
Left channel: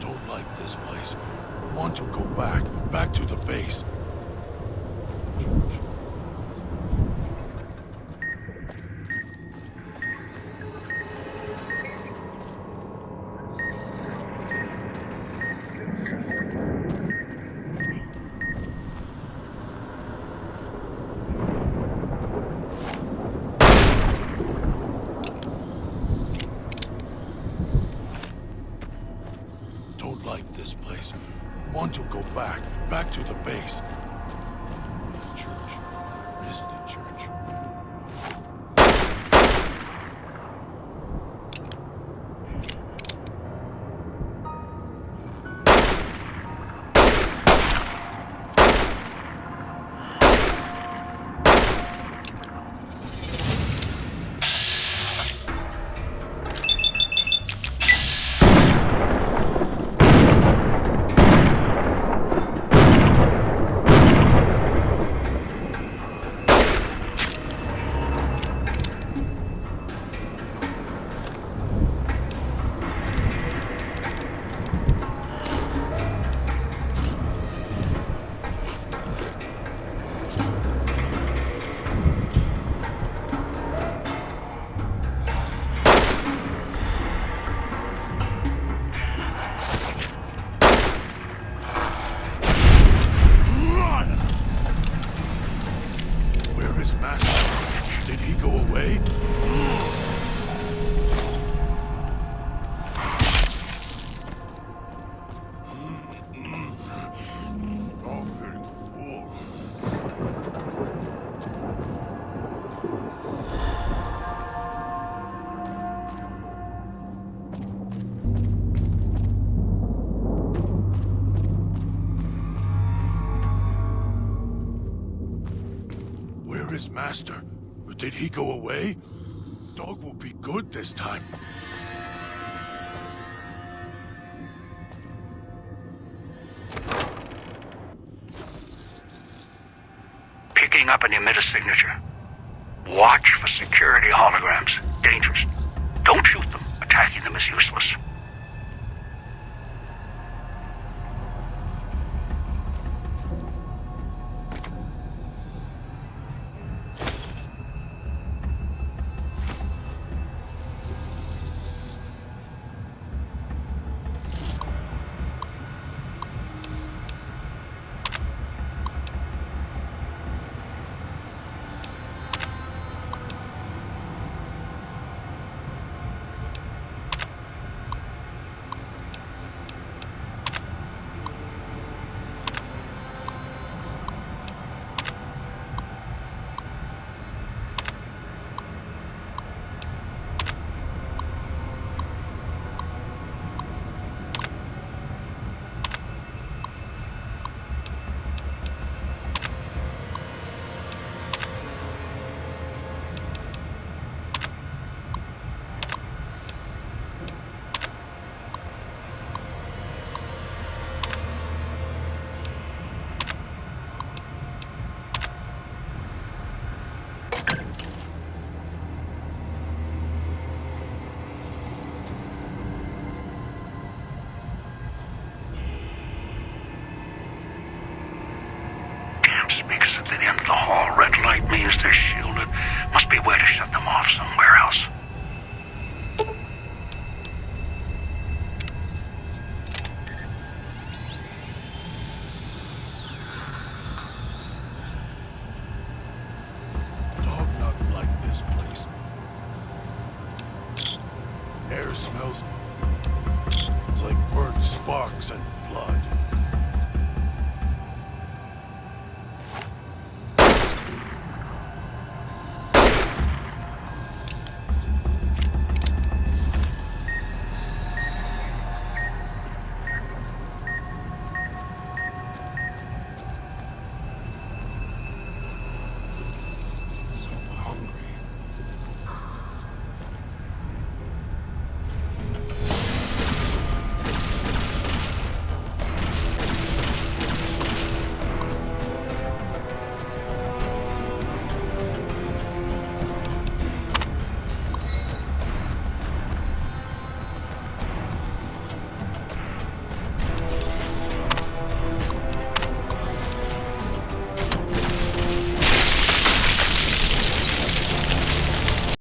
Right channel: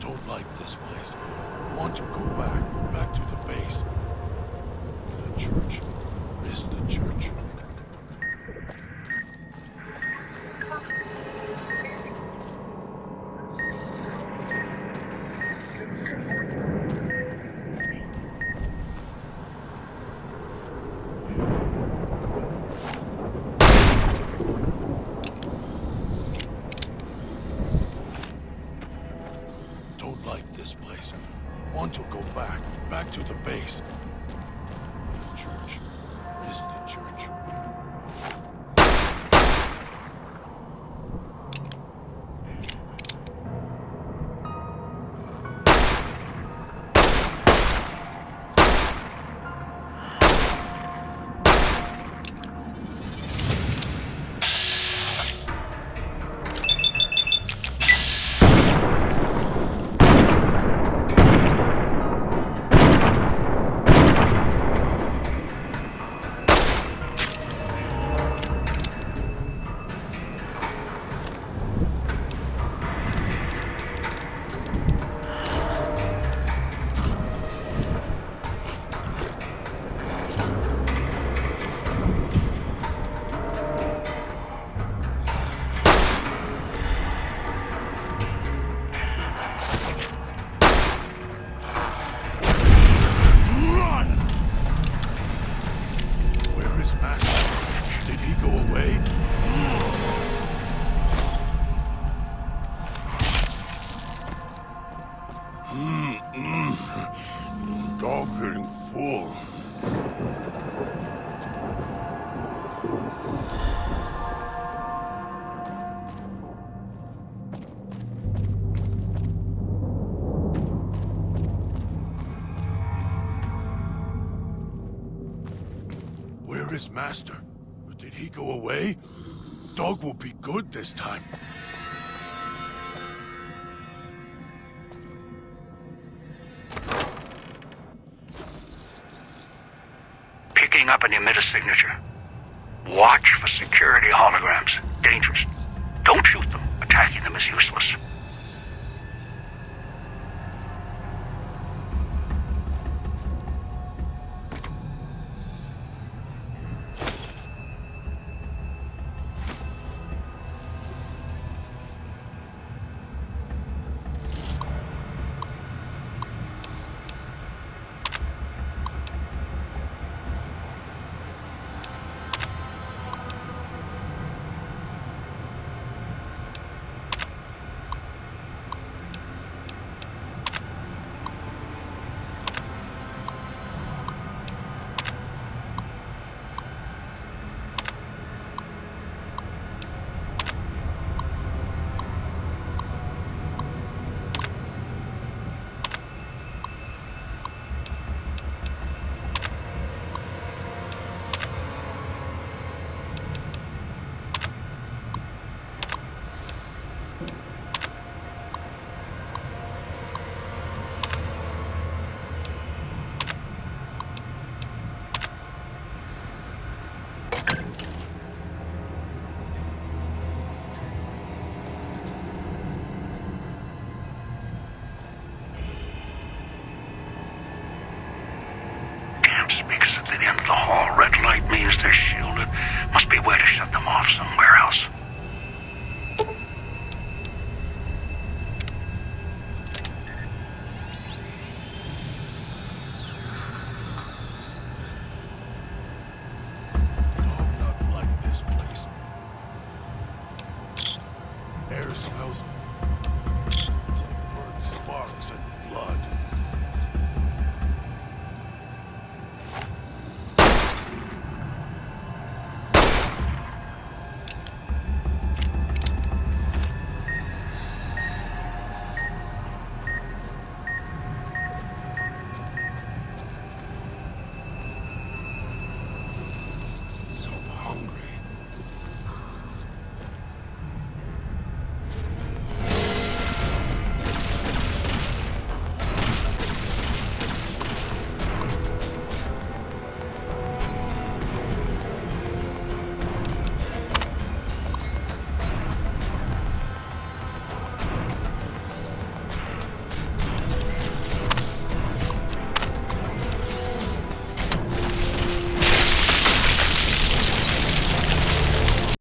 Don't like this place. Want to go back to the base. The church is the church. Don't like this place. Want to go back to the base. The church is the church. his master. But did he go away? Dog will be good this time. Picking up an emitter signature. Watch for security holograms. Dangerous. Don't shoot them. Attacking them is useless. Speakers at the end of the hall. Red light means they're shielded. Must be a way to shut them off somewhere else. Dog not like this place. Air smells like burnt sparks and